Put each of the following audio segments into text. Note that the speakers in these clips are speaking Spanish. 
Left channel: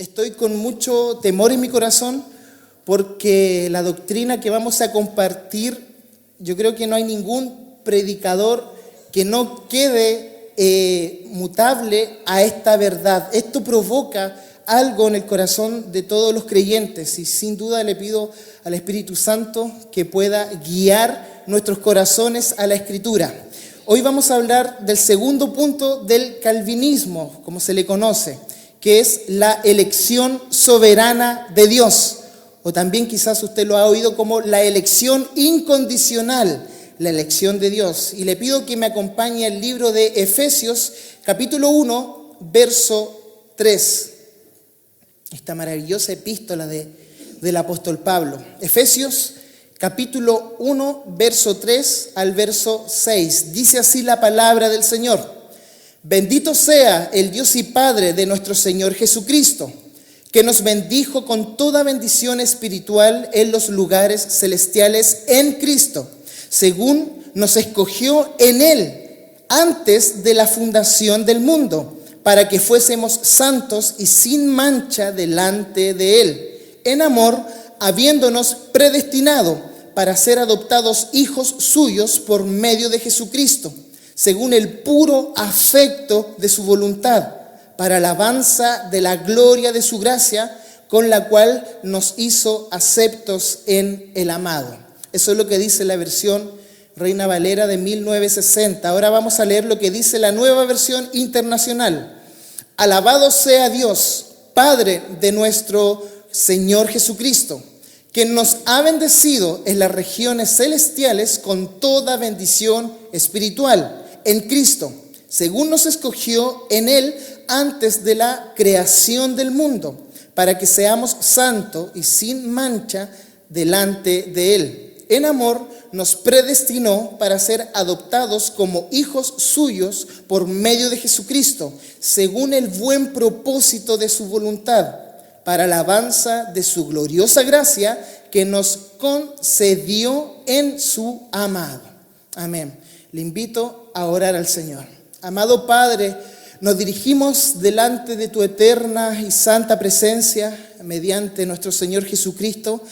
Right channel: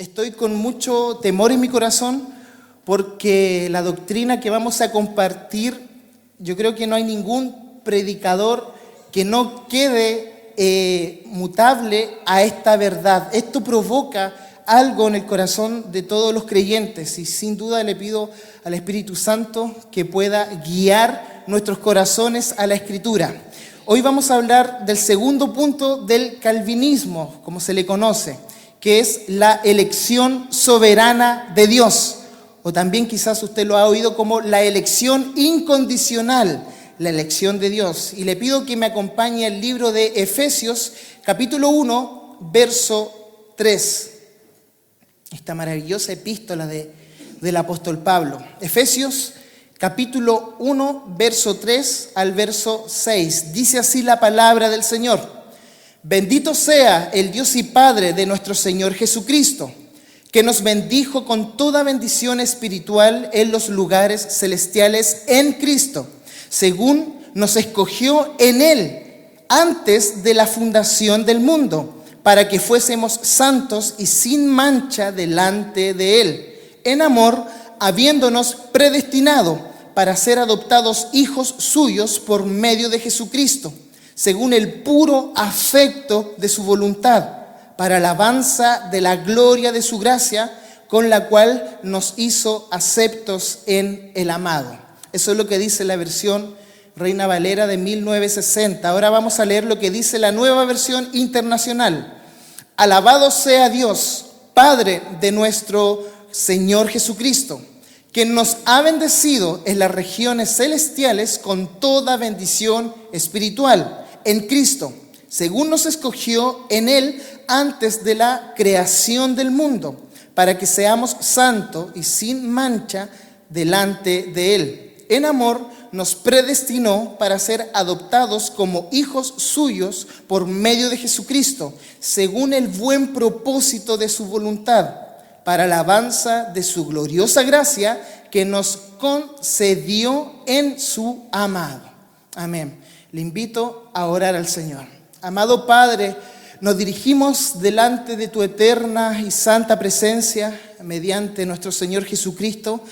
Estoy con mucho temor en mi corazón porque la doctrina que vamos a compartir, yo creo que no hay ningún predicador que no quede mutable a esta verdad. Esto provoca algo en el corazón de todos los creyentes y sin duda le pido al Espíritu Santo que pueda guiar nuestros corazones a la Escritura. Hoy vamos a hablar del segundo punto del calvinismo, como se le conoce, que es la elección soberana de Dios, o también quizás usted lo ha oído como la elección incondicional, la elección de Dios. Y le pido que me acompañe el libro de Efesios, capítulo 1, verso 3. Esta maravillosa epístola del apóstol Pablo. Efesios, capítulo 1, verso 3 al verso 6. Dice así la palabra del Señor. Bendito sea el Dios y Padre de nuestro Señor Jesucristo, que nos bendijo con toda bendición espiritual en los lugares celestiales en Cristo, según nos escogió en Él antes de la fundación del mundo, para que fuésemos santos y sin mancha delante de Él, en amor, habiéndonos predestinado para ser adoptados hijos suyos por medio de Jesucristo, según el puro afecto de su voluntad, para alabanza de la gloria de su gracia, con la cual nos hizo aceptos en el amado. Eso es lo que dice la versión Reina Valera de 1960. Ahora vamos a leer lo que dice la nueva versión internacional. Alabado sea Dios, Padre de nuestro Señor Jesucristo, quien nos ha bendecido en las regiones celestiales con toda bendición espiritual en Cristo, según nos escogió en Él antes de la creación del mundo, para que seamos santos y sin mancha delante de Él. En amor nos predestinó para ser adoptados como hijos suyos por medio de Jesucristo, según el buen propósito de su voluntad, para alabanza de su gloriosa gracia que nos concedió en su amado. Amén. Le invito a orar al Señor. Amado Padre, nos dirigimos delante de tu eterna y santa presencia mediante nuestro Señor Jesucristo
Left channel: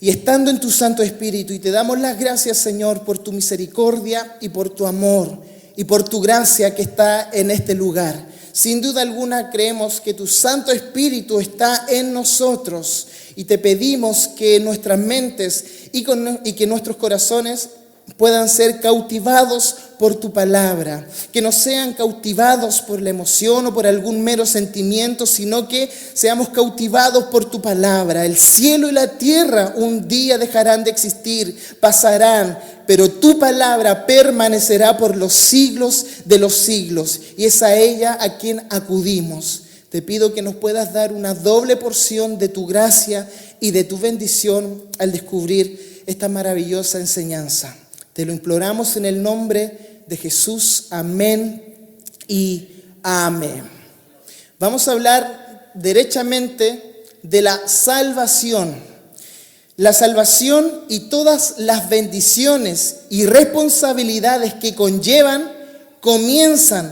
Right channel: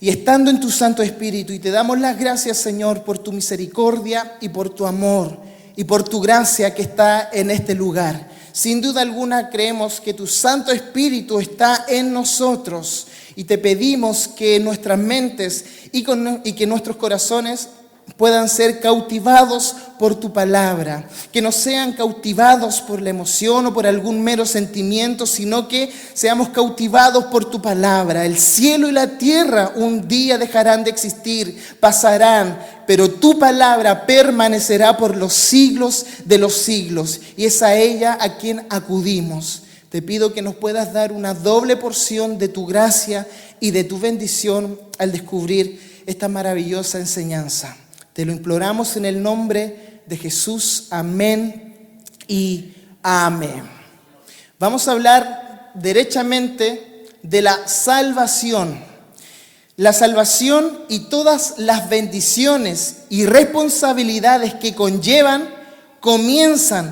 y estando en tu Santo Espíritu, y te damos las gracias, Señor, por tu misericordia y por tu amor y por tu gracia que está en este lugar. Sin duda alguna creemos que tu Santo Espíritu está en nosotros y te pedimos que nuestras mentes y que nuestros corazones puedan ser cautivados por tu palabra, que no sean cautivados por la emoción o por algún mero sentimiento, sino que seamos cautivados por tu palabra. El cielo y la tierra un día dejarán de existir, pasarán, pero tu palabra permanecerá por los siglos de los siglos, y es a ella a quien acudimos. Te pido que nos puedas dar una doble porción de tu gracia y de tu bendición al descubrir esta maravillosa enseñanza. Te lo imploramos en el nombre de Jesús. Amén y amén. Vamos a hablar derechamente de la salvación. La salvación y todas las bendiciones y responsabilidades que conllevan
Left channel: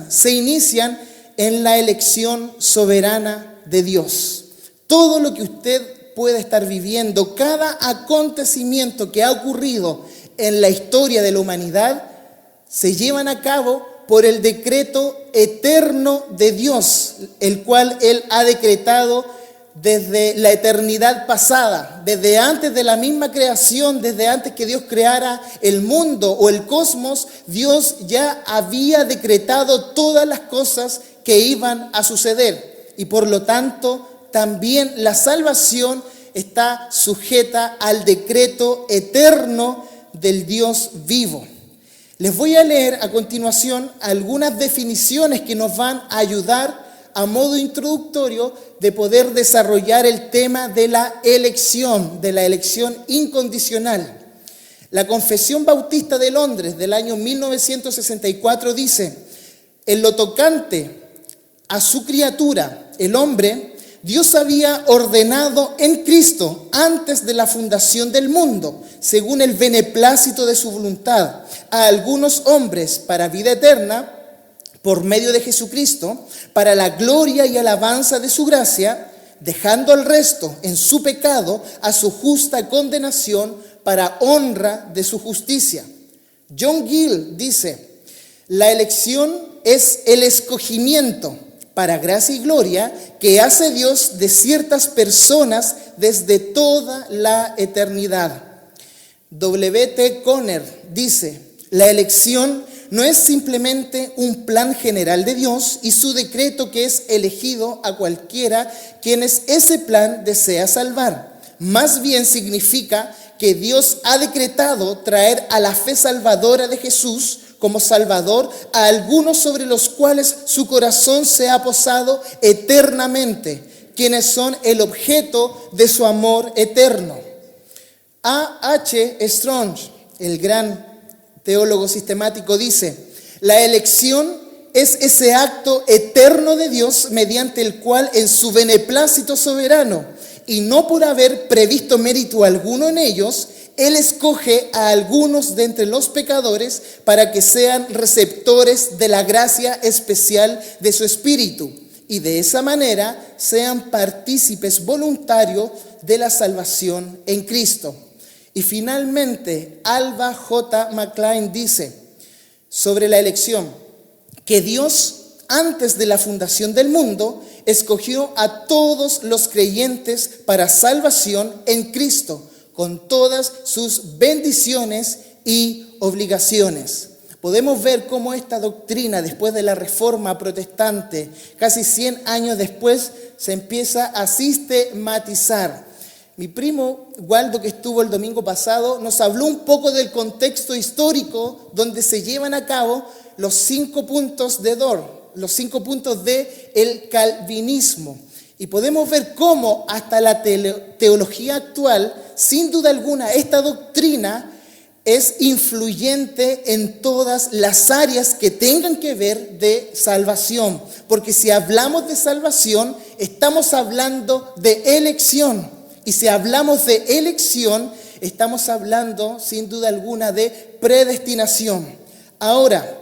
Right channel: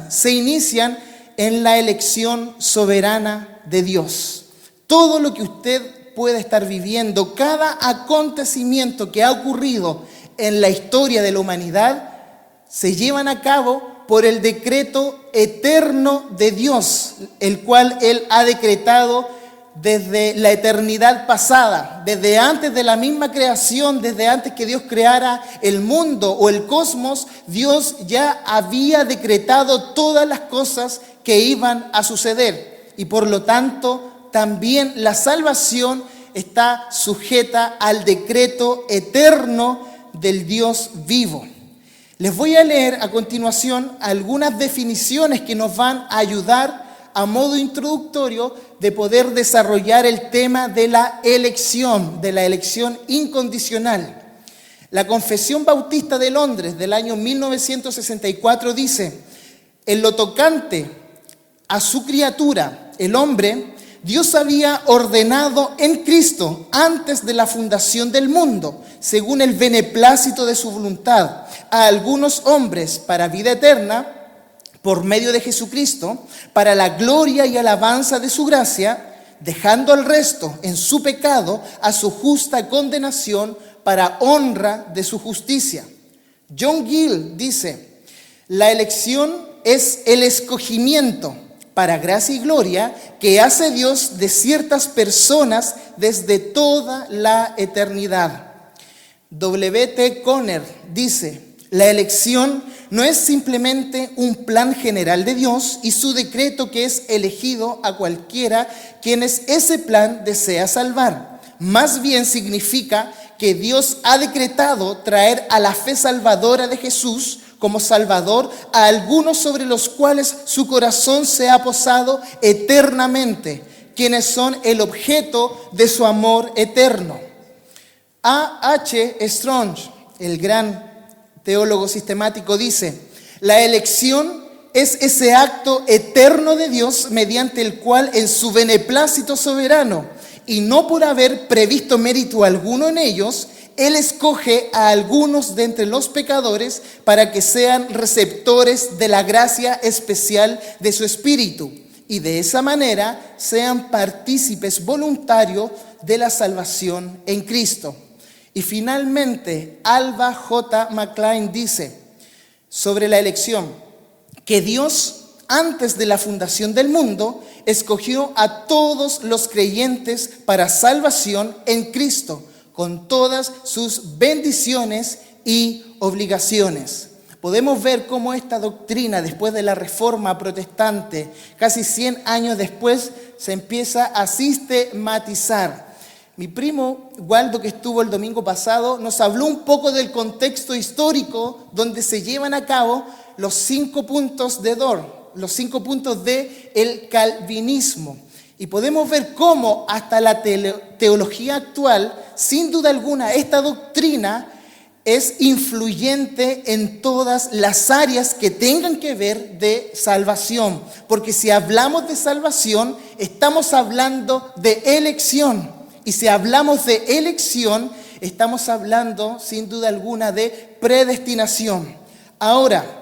se inician en la elección soberana de Dios. Todo lo que usted puede estar viviendo, cada acontecimiento que ha ocurrido en la historia de la humanidad, se llevan a cabo por el decreto eterno de Dios, el cual Él ha decretado desde la eternidad pasada, desde antes de la misma creación, desde antes que Dios creara el mundo o el cosmos. Dios ya había decretado todas las cosas que iban a suceder, y por lo tanto también la salvación está sujeta al decreto eterno del Dios vivo. Les voy a leer a continuación algunas definiciones que nos van a ayudar a modo introductorio de poder desarrollar el tema de la elección incondicional. La Confesión Bautista de Londres del año 1964 dice: en lo tocante a su criatura, el hombre, Dios había ordenado en Cristo antes de la fundación del mundo, según el beneplácito de su voluntad, a algunos hombres para vida eterna, por medio de Jesucristo, para la gloria y alabanza de su gracia, dejando al resto en su pecado a su justa condenación para honra de su justicia. John Gill dice: la elección es el escogimiento para gracia y gloria que hace Dios de ciertas personas desde toda la eternidad. W.T. Conner dice: la elección no es simplemente un plan general de Dios y su decreto que es elegido a cualquiera quienes ese plan desea salvar. Más bien significa que Dios ha decretado traer a la fe salvadora de Jesús como Salvador a algunos sobre los cuales su corazón se ha posado eternamente, quienes son el objeto de su amor eterno. A. H. Strong, el gran teólogo sistemático, dice: la elección es ese acto eterno de Dios mediante el cual en su beneplácito soberano, y no por haber previsto mérito alguno en ellos, Él escoge a algunos de entre los pecadores para que sean receptores de la gracia especial de su Espíritu y de esa manera sean partícipes voluntarios de la salvación en Cristo. Y finalmente, Alva J. McClain dice sobre la elección que Dios, antes de la fundación del mundo, escogió a todos los creyentes para salvación en Cristo, con todas sus bendiciones y obligaciones. Podemos ver cómo esta doctrina, después de la Reforma Protestante, casi 100 años después, se empieza a sistematizar. Mi primo Waldo, que estuvo el domingo pasado, nos habló un poco del contexto histórico donde se llevan a cabo los 5 puntos de Dort, los 5 puntos del calvinismo. Y podemos ver cómo hasta la teología actual, sin duda alguna, esta doctrina es influyente en todas las áreas que tengan que ver de salvación. Porque si hablamos de salvación, estamos hablando de elección. Y si hablamos de elección, estamos hablando, sin duda alguna, de predestinación. Ahora,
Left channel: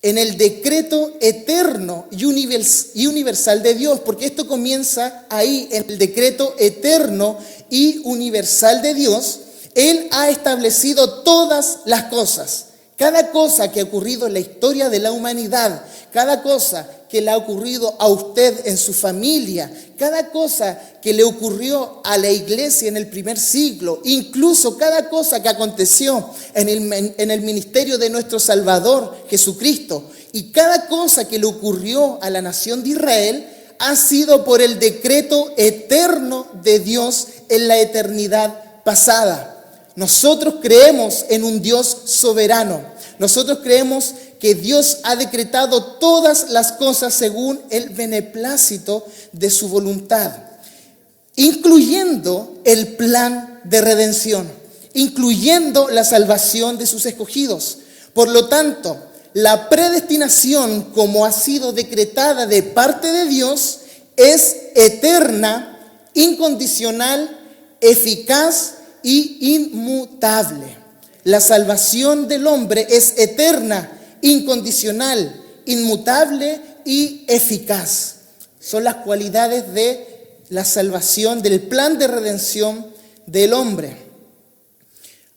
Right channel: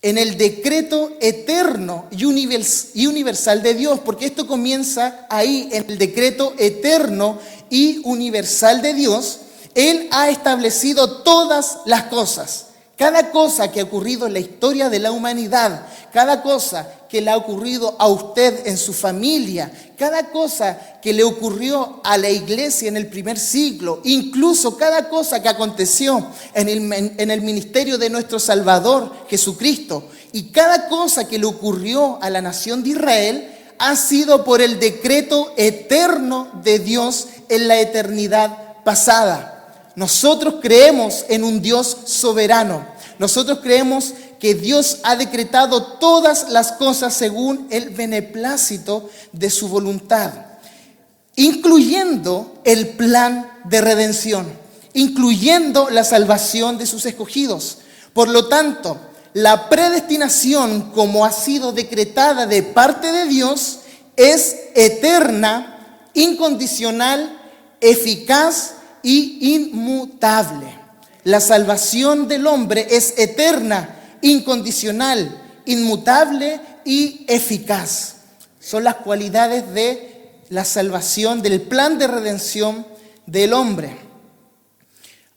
en el decreto eterno y universal de Dios, porque esto comienza ahí, en el decreto eterno y universal de Dios, Él ha establecido todas las cosas. Cada cosa que ha ocurrido en la historia de la humanidad, cada cosa que le ha ocurrido a usted en su familia, cada cosa que le ocurrió a la iglesia en el primer siglo, incluso cada cosa que aconteció en el ministerio de nuestro Salvador Jesucristo, y cada cosa que le ocurrió a la nación de Israel, ha sido por el decreto eterno de Dios en la eternidad pasada. Nosotros creemos en un Dios soberano. Nosotros creemos que Dios ha decretado todas las cosas según el beneplácito de su voluntad, incluyendo el plan de redención, incluyendo la salvación de sus escogidos. Por lo tanto, la predestinación, como ha sido decretada de parte de Dios, es eterna, incondicional, eficaz y inmutable. La salvación del hombre es eterna, incondicional, inmutable y eficaz. Son las cualidades de la salvación, del plan de redención del hombre.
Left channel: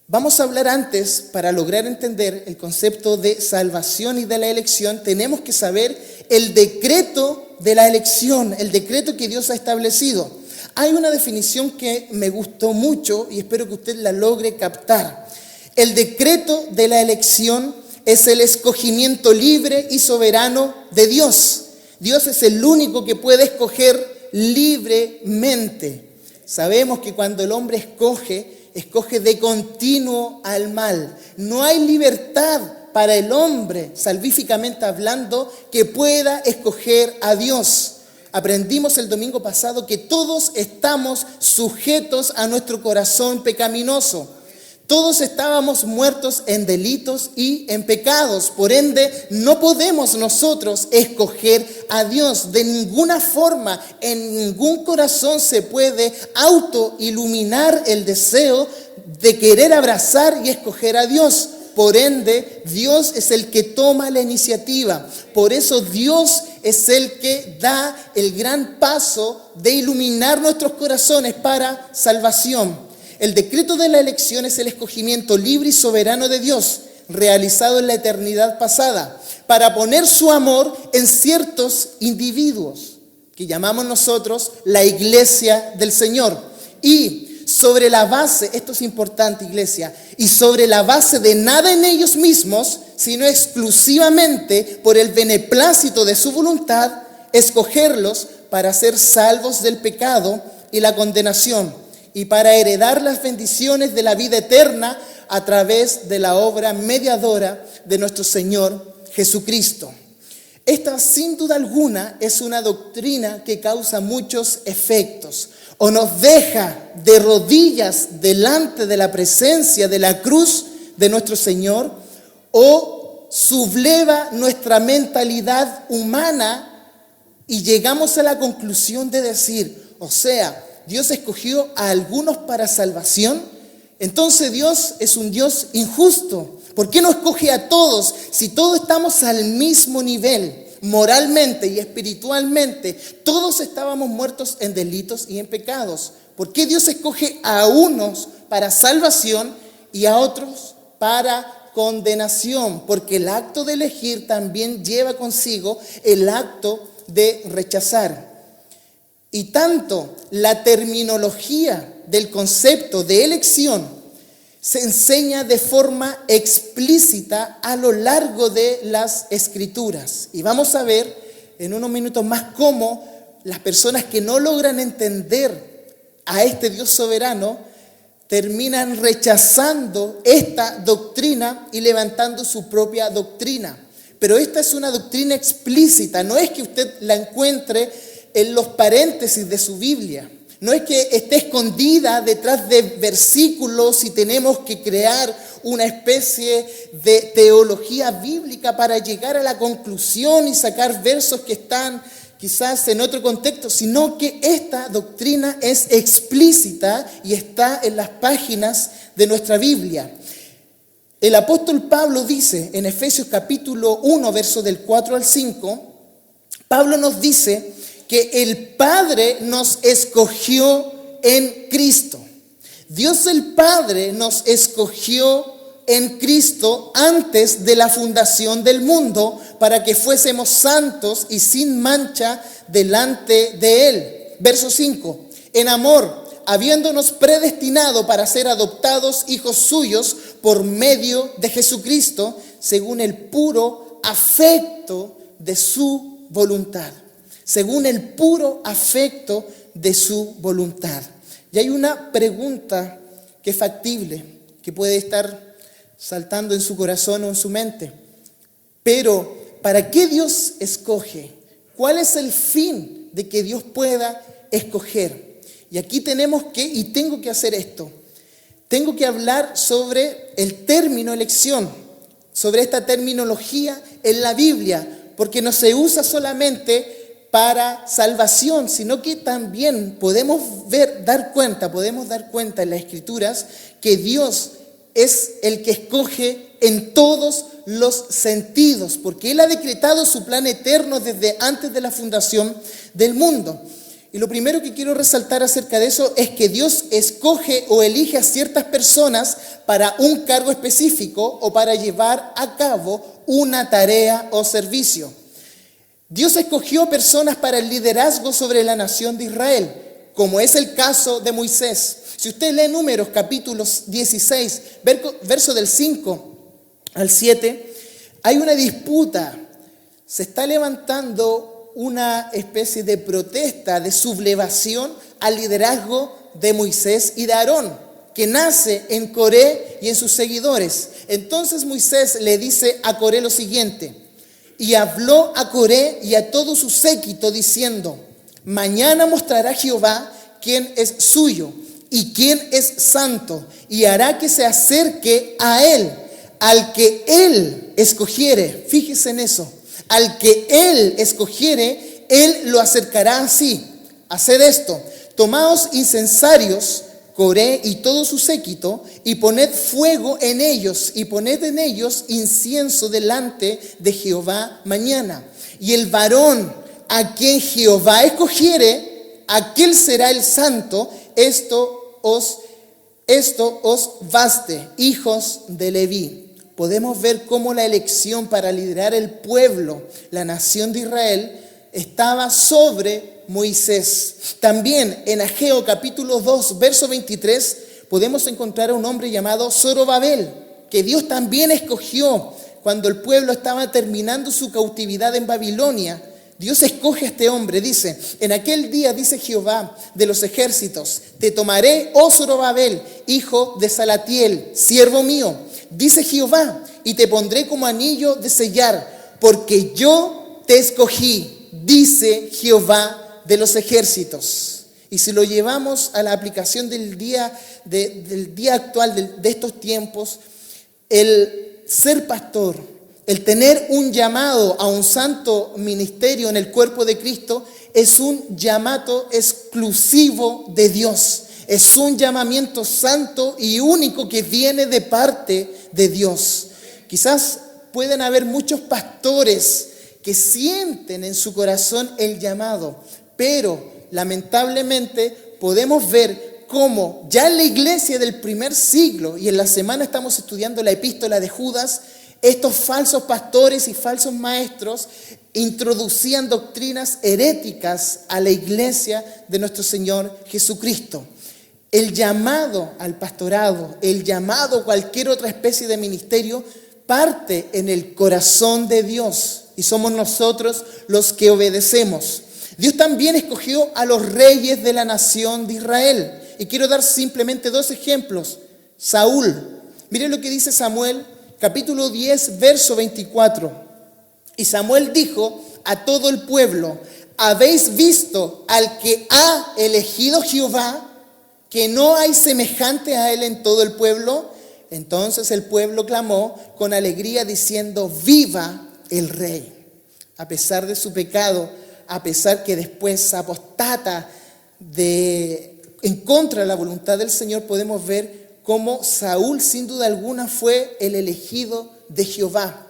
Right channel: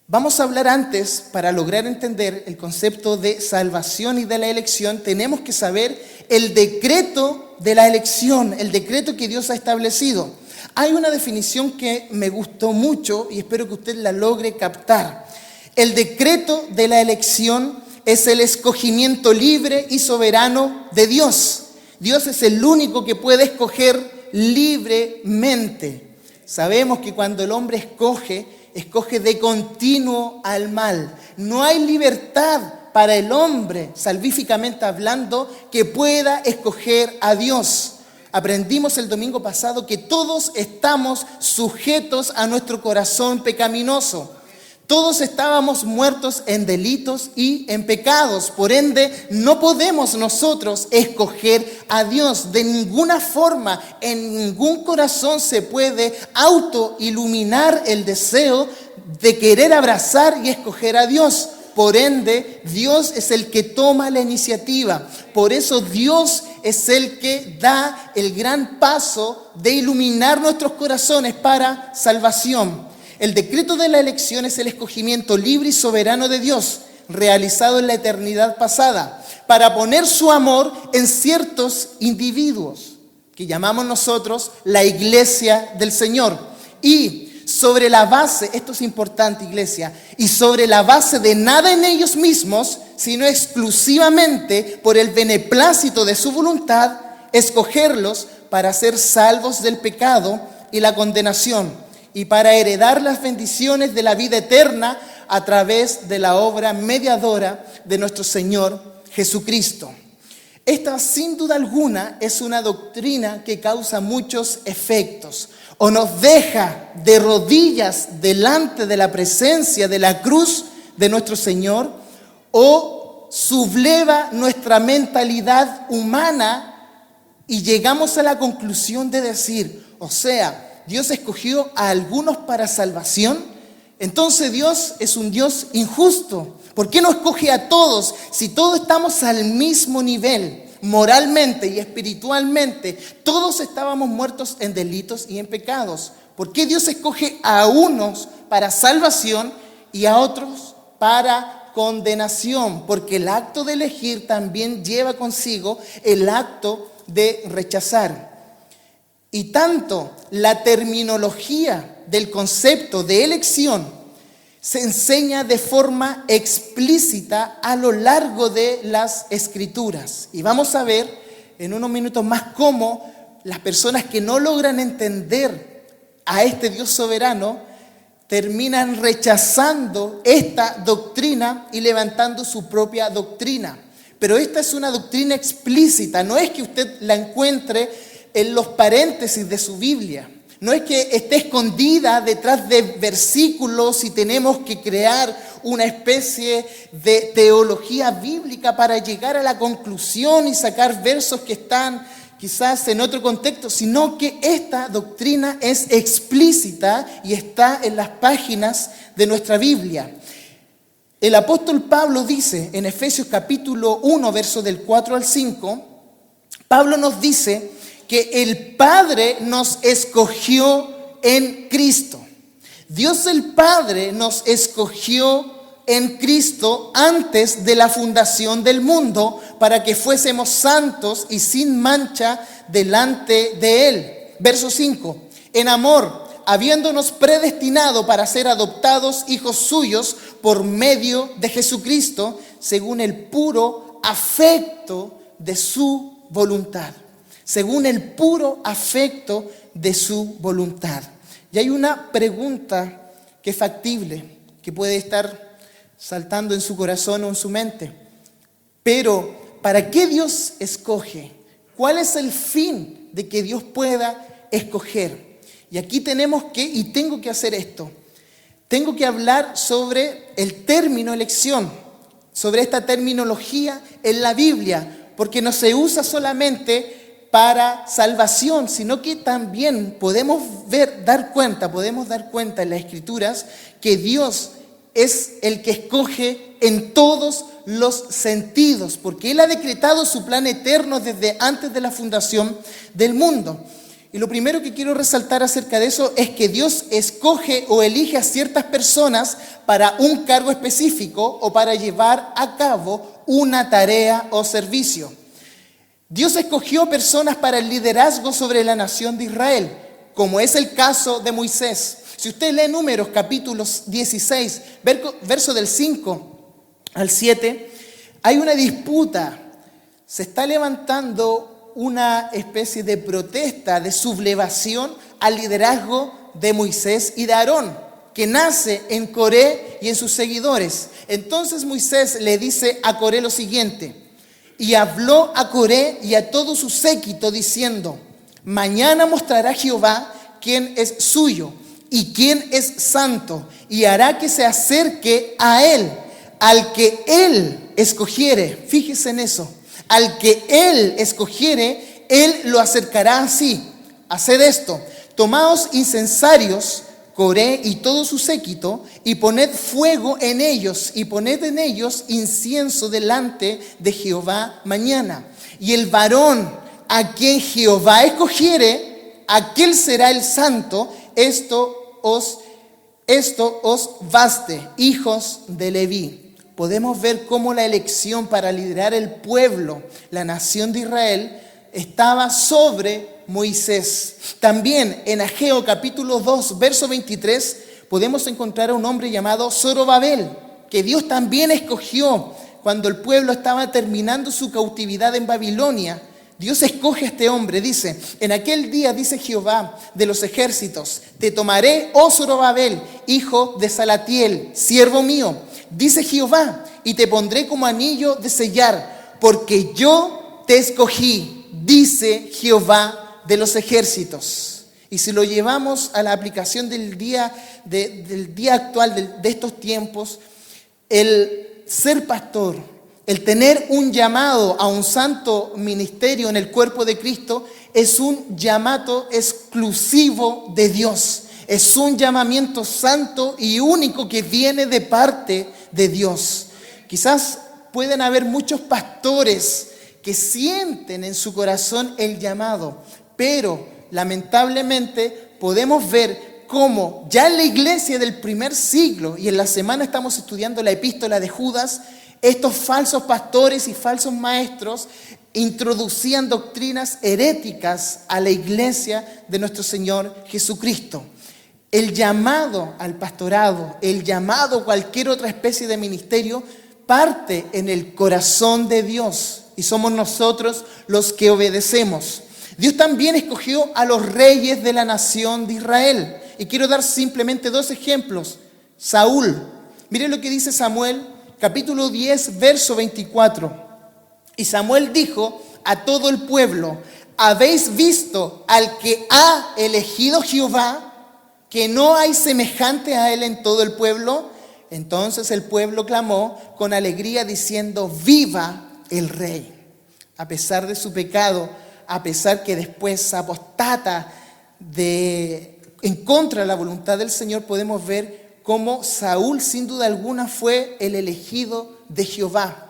Vamos a hablar antes, para lograr entender el concepto de salvación y de la elección, tenemos que saber el decreto de la elección, el decreto que Dios ha establecido. Hay una definición que me gustó mucho y espero que usted la logre captar. El decreto de la elección es el escogimiento libre y soberano de Dios. Dios es el único que puede escoger libremente. Sabemos que cuando el hombre escoge de continuo al mal. No hay libertad para el hombre, salvíficamente hablando, que pueda escoger a Dios. Aprendimos el domingo pasado que todos estamos sujetos a nuestro corazón pecaminoso. Todos estábamos muertos en delitos y en pecados. Por ende, no podemos nosotros escoger a Dios de ninguna forma. En ningún corazón se puede autoiluminar el deseo de querer abrazar y escoger a Dios. por ende, Dios es el que toma la iniciativa. Por eso Dios es el que da el gran paso de iluminar nuestros corazones para salvación. El decreto de la elección es el escogimiento libre y soberano de Dios, realizado en la eternidad pasada, para poner su amor en ciertos individuos, que llamamos nosotros la iglesia del Señor. Y sobre la base, esto es importante, iglesia, y sobre la base de nada en ellos mismos, sino exclusivamente por el beneplácito de su voluntad, escogerlos para ser salvos del pecado y la condenación, y para heredar las bendiciones de la vida eterna a través de la obra mediadora de nuestro Señor Jesucristo. Esta, sin duda alguna, es una doctrina que causa muchos efectos. O nos deja de rodillas delante de la presencia de la cruz de nuestro Señor, o subleva nuestra mentalidad humana y llegamos a la conclusión de decir, o sea, Dios escogió a algunos para salvación, entonces Dios es un Dios injusto. ¿Por qué no escoge a todos si todos estamos al mismo nivel? Moralmente y espiritualmente, todos estábamos muertos en delitos y en pecados. ¿Por qué Dios escoge a unos para salvación y a otros para condenación? Porque el acto de elegir también lleva consigo el acto de rechazar. Y tanto la terminología del concepto de elección se enseña de forma explícita a lo largo de las Escrituras. Y vamos a ver en unos minutos más cómo las personas que no logran entender a este Dios soberano terminan rechazando esta doctrina y levantando su propia doctrina. Pero esta es una doctrina explícita, no es que usted la encuentre en los paréntesis de su Biblia. No es que esté escondida detrás de versículos y tenemos que crear una especie de teología bíblica para llegar a la conclusión y sacar versos que están quizás en otro contexto, sino que esta doctrina es explícita y está en las páginas de nuestra Biblia. El apóstol Pablo dice en Efesios capítulo 1, versos del 4 al 5, Pablo nos dice que el Padre nos escogió en Cristo. Dios el Padre nos escogió en Cristo antes de la fundación del mundo para que fuésemos santos y sin mancha delante de Él. Verso 5. En amor, habiéndonos predestinado para ser adoptados hijos suyos por medio de Jesucristo, según el puro afecto de su voluntad. Según el puro afecto de su voluntad. Y hay una pregunta que es factible, que puede estar saltando en su corazón o en su mente. Pero, ¿para qué Dios escoge? ¿Cuál es el fin de que Dios pueda escoger? Y aquí tenemos que, y tengo que hacer esto, tengo que hablar sobre el término elección, sobre esta terminología en la Biblia, porque no se usa solamente para salvación, sino que también podemos dar cuenta en las Escrituras que Dios es el que escoge en todos los sentidos, porque Él ha decretado su plan eterno desde antes de la fundación del mundo. Y lo primero que quiero resaltar acerca de eso es que Dios escoge o elige a ciertas personas para un cargo específico o para llevar a cabo una tarea o servicio. Dios escogió personas para el liderazgo sobre la nación de Israel, como es el caso de Moisés. Si usted lee Números capítulo 16, verso del 5 al 7, hay una disputa. Se está levantando una especie de protesta, de sublevación al liderazgo de Moisés y de Aarón, que nace en Coré y en sus seguidores. Entonces Moisés le dice a Coré lo siguiente: y habló a Coré y a todo su séquito diciendo: mañana mostrará Jehová quién es suyo y quién es santo, y hará que se acerque a él, al que él escogiere. Fíjese en eso. Al que él escogiere, él lo acercará así. Haced esto: tomaos incensarios Coré y todo su séquito, y poned fuego en ellos, y poned en ellos incienso delante de Jehová mañana. Y el varón a quien Jehová escogiere, aquel será el santo. Esto os baste, hijos de Leví. Podemos ver cómo la elección para liderar el pueblo, la nación de Israel, estaba sobre Moisés. También en Ageo capítulo 2, verso 23, podemos encontrar a un hombre llamado Zorobabel, que Dios también escogió cuando el pueblo estaba terminando su cautividad en Babilonia. Dios escoge a este hombre, dice, en aquel día, dice Jehová de los ejércitos, te tomaré, oh Zorobabel, hijo de Salatiel, siervo mío, dice Jehová, y te pondré como anillo de sellar, porque yo te escogí, dice Jehová de los ejércitos. Y si lo llevamos a la aplicación del día actual, de estos tiempos, el ser pastor, el tener un llamado a un santo ministerio en el cuerpo de Cristo, es un llamado exclusivo de Dios. Es un llamamiento santo y único que viene de parte de Dios. Quizás pueden haber muchos pastores que sienten en su corazón el llamado, pero lamentablemente podemos ver cómo ya en la iglesia del primer siglo, y en la semana estamos estudiando la epístola de Judas, estos falsos pastores y falsos maestros introducían doctrinas heréticas a la iglesia de nuestro Señor Jesucristo. El llamado al pastorado, el llamado a cualquier otra especie de ministerio, parte en el corazón de Dios y somos nosotros los que obedecemos. Dios también escogió a los reyes de la nación de Israel. Y quiero dar simplemente dos ejemplos. Saúl. Miren lo que dice Samuel, capítulo 10, verso 24. Y Samuel dijo a todo el pueblo, ¿habéis visto al que ha elegido Jehová? Que no hay semejante a él en todo el pueblo. Entonces el pueblo clamó con alegría diciendo, viva el rey. A pesar de su pecado, a pesar que después apostata en contra de la voluntad del Señor, podemos ver cómo Saúl sin duda alguna fue el elegido de Jehová.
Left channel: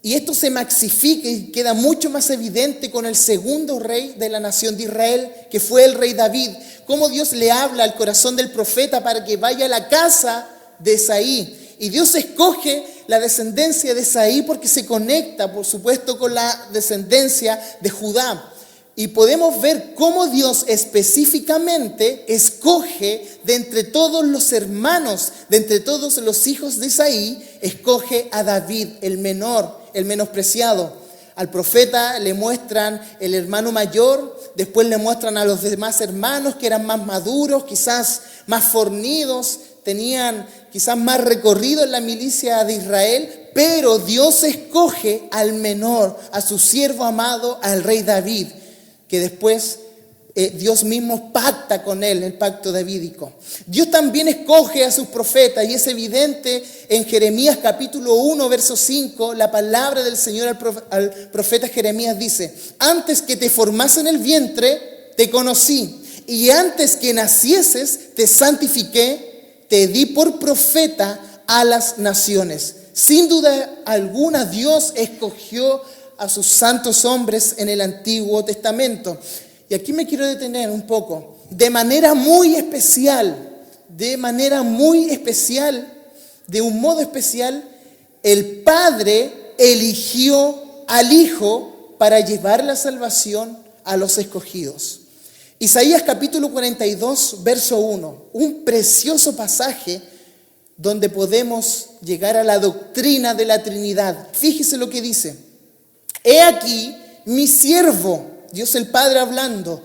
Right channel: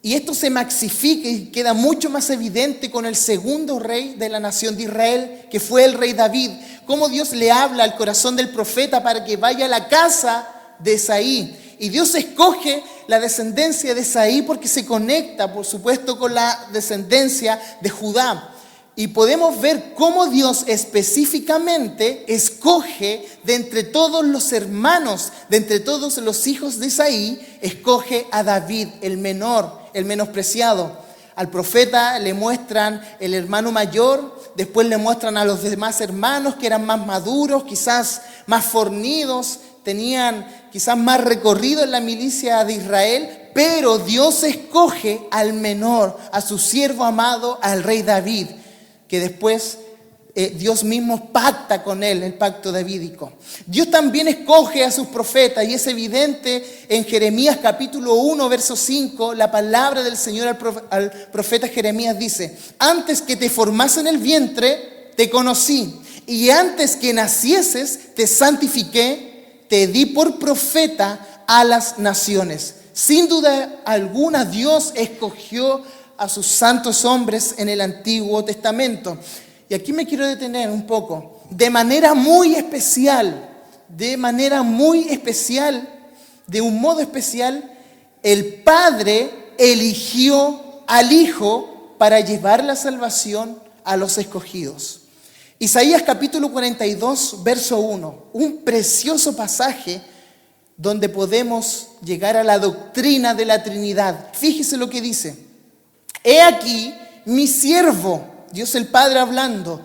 Y esto se maxifica y queda mucho más evidente con el segundo rey de la nación de Israel, que fue el rey David. Cómo Dios le habla al corazón del profeta para que vaya a la casa de Esaí. Y Dios escoge la descendencia de Esaí porque se conecta, por supuesto, con la descendencia de Judá. Y podemos ver cómo Dios específicamente escoge de entre todos los hermanos, de entre todos los hijos de Esaí, escoge a David, el menor, el menospreciado. Al profeta le muestran el hermano mayor, después le muestran a los demás hermanos que eran más maduros, quizás más fornidos, tenían quizás más recorrido en la milicia de Israel, pero Dios escoge al menor, a su siervo amado, al rey David, que después Dios mismo pacta con él, el pacto davídico. Dios también escoge a sus profetas y es evidente en Jeremías capítulo 1, verso 5, la palabra del Señor al profeta Jeremías dice, antes que te formase en el vientre, te conocí, y antes que nacieses, te santifiqué, te di por profeta a las naciones. Sin duda alguna, Dios escogió a sus santos hombres en el Antiguo Testamento. Y aquí me quiero detener un poco. De manera muy especial, de un modo especial, el Padre eligió al Hijo para llevar la salvación a los escogidos. Isaías capítulo 42, verso 1, un precioso pasaje donde podemos llegar a la doctrina de la Trinidad. Fíjese lo que dice. He aquí mi siervo, Dios el Padre hablando,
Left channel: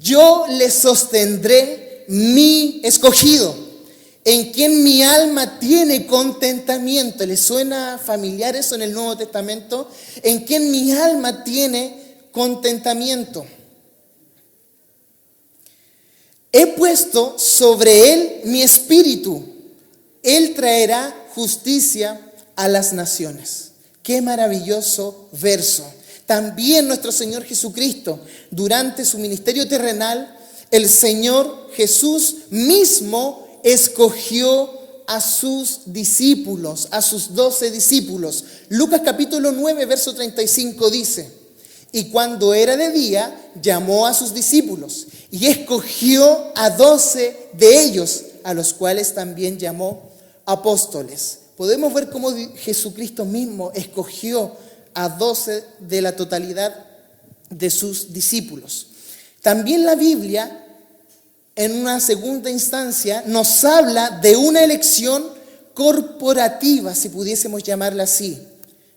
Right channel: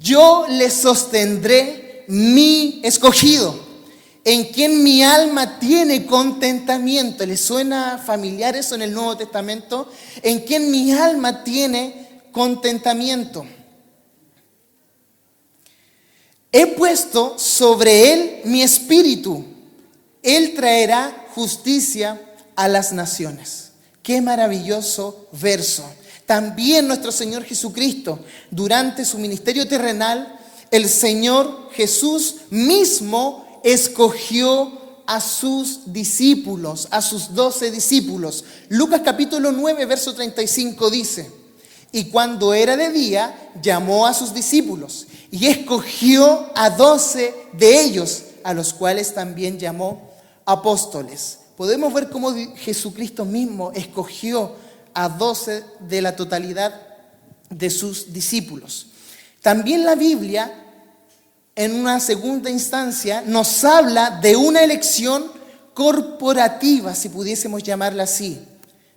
yo le sostendré mi escogido, en quien mi alma tiene contentamiento. ¿Le suena familiar eso en el Nuevo Testamento? En quien mi alma tiene contentamiento. He puesto sobre él mi espíritu. Él traerá justicia a las naciones. Qué maravilloso verso. También nuestro Señor Jesucristo, durante su ministerio terrenal, el Señor Jesús mismo escogió a sus discípulos, a sus 12 discípulos. Lucas capítulo 9, verso 35 dice: y cuando era de día, llamó a sus discípulos y escogió a 12 de ellos, a los cuales también llamó apóstoles. Podemos ver cómo Jesucristo mismo escogió a 12 de la totalidad de sus discípulos. También la Biblia, en una segunda instancia, nos habla de una elección corporativa, si pudiésemos llamarla así.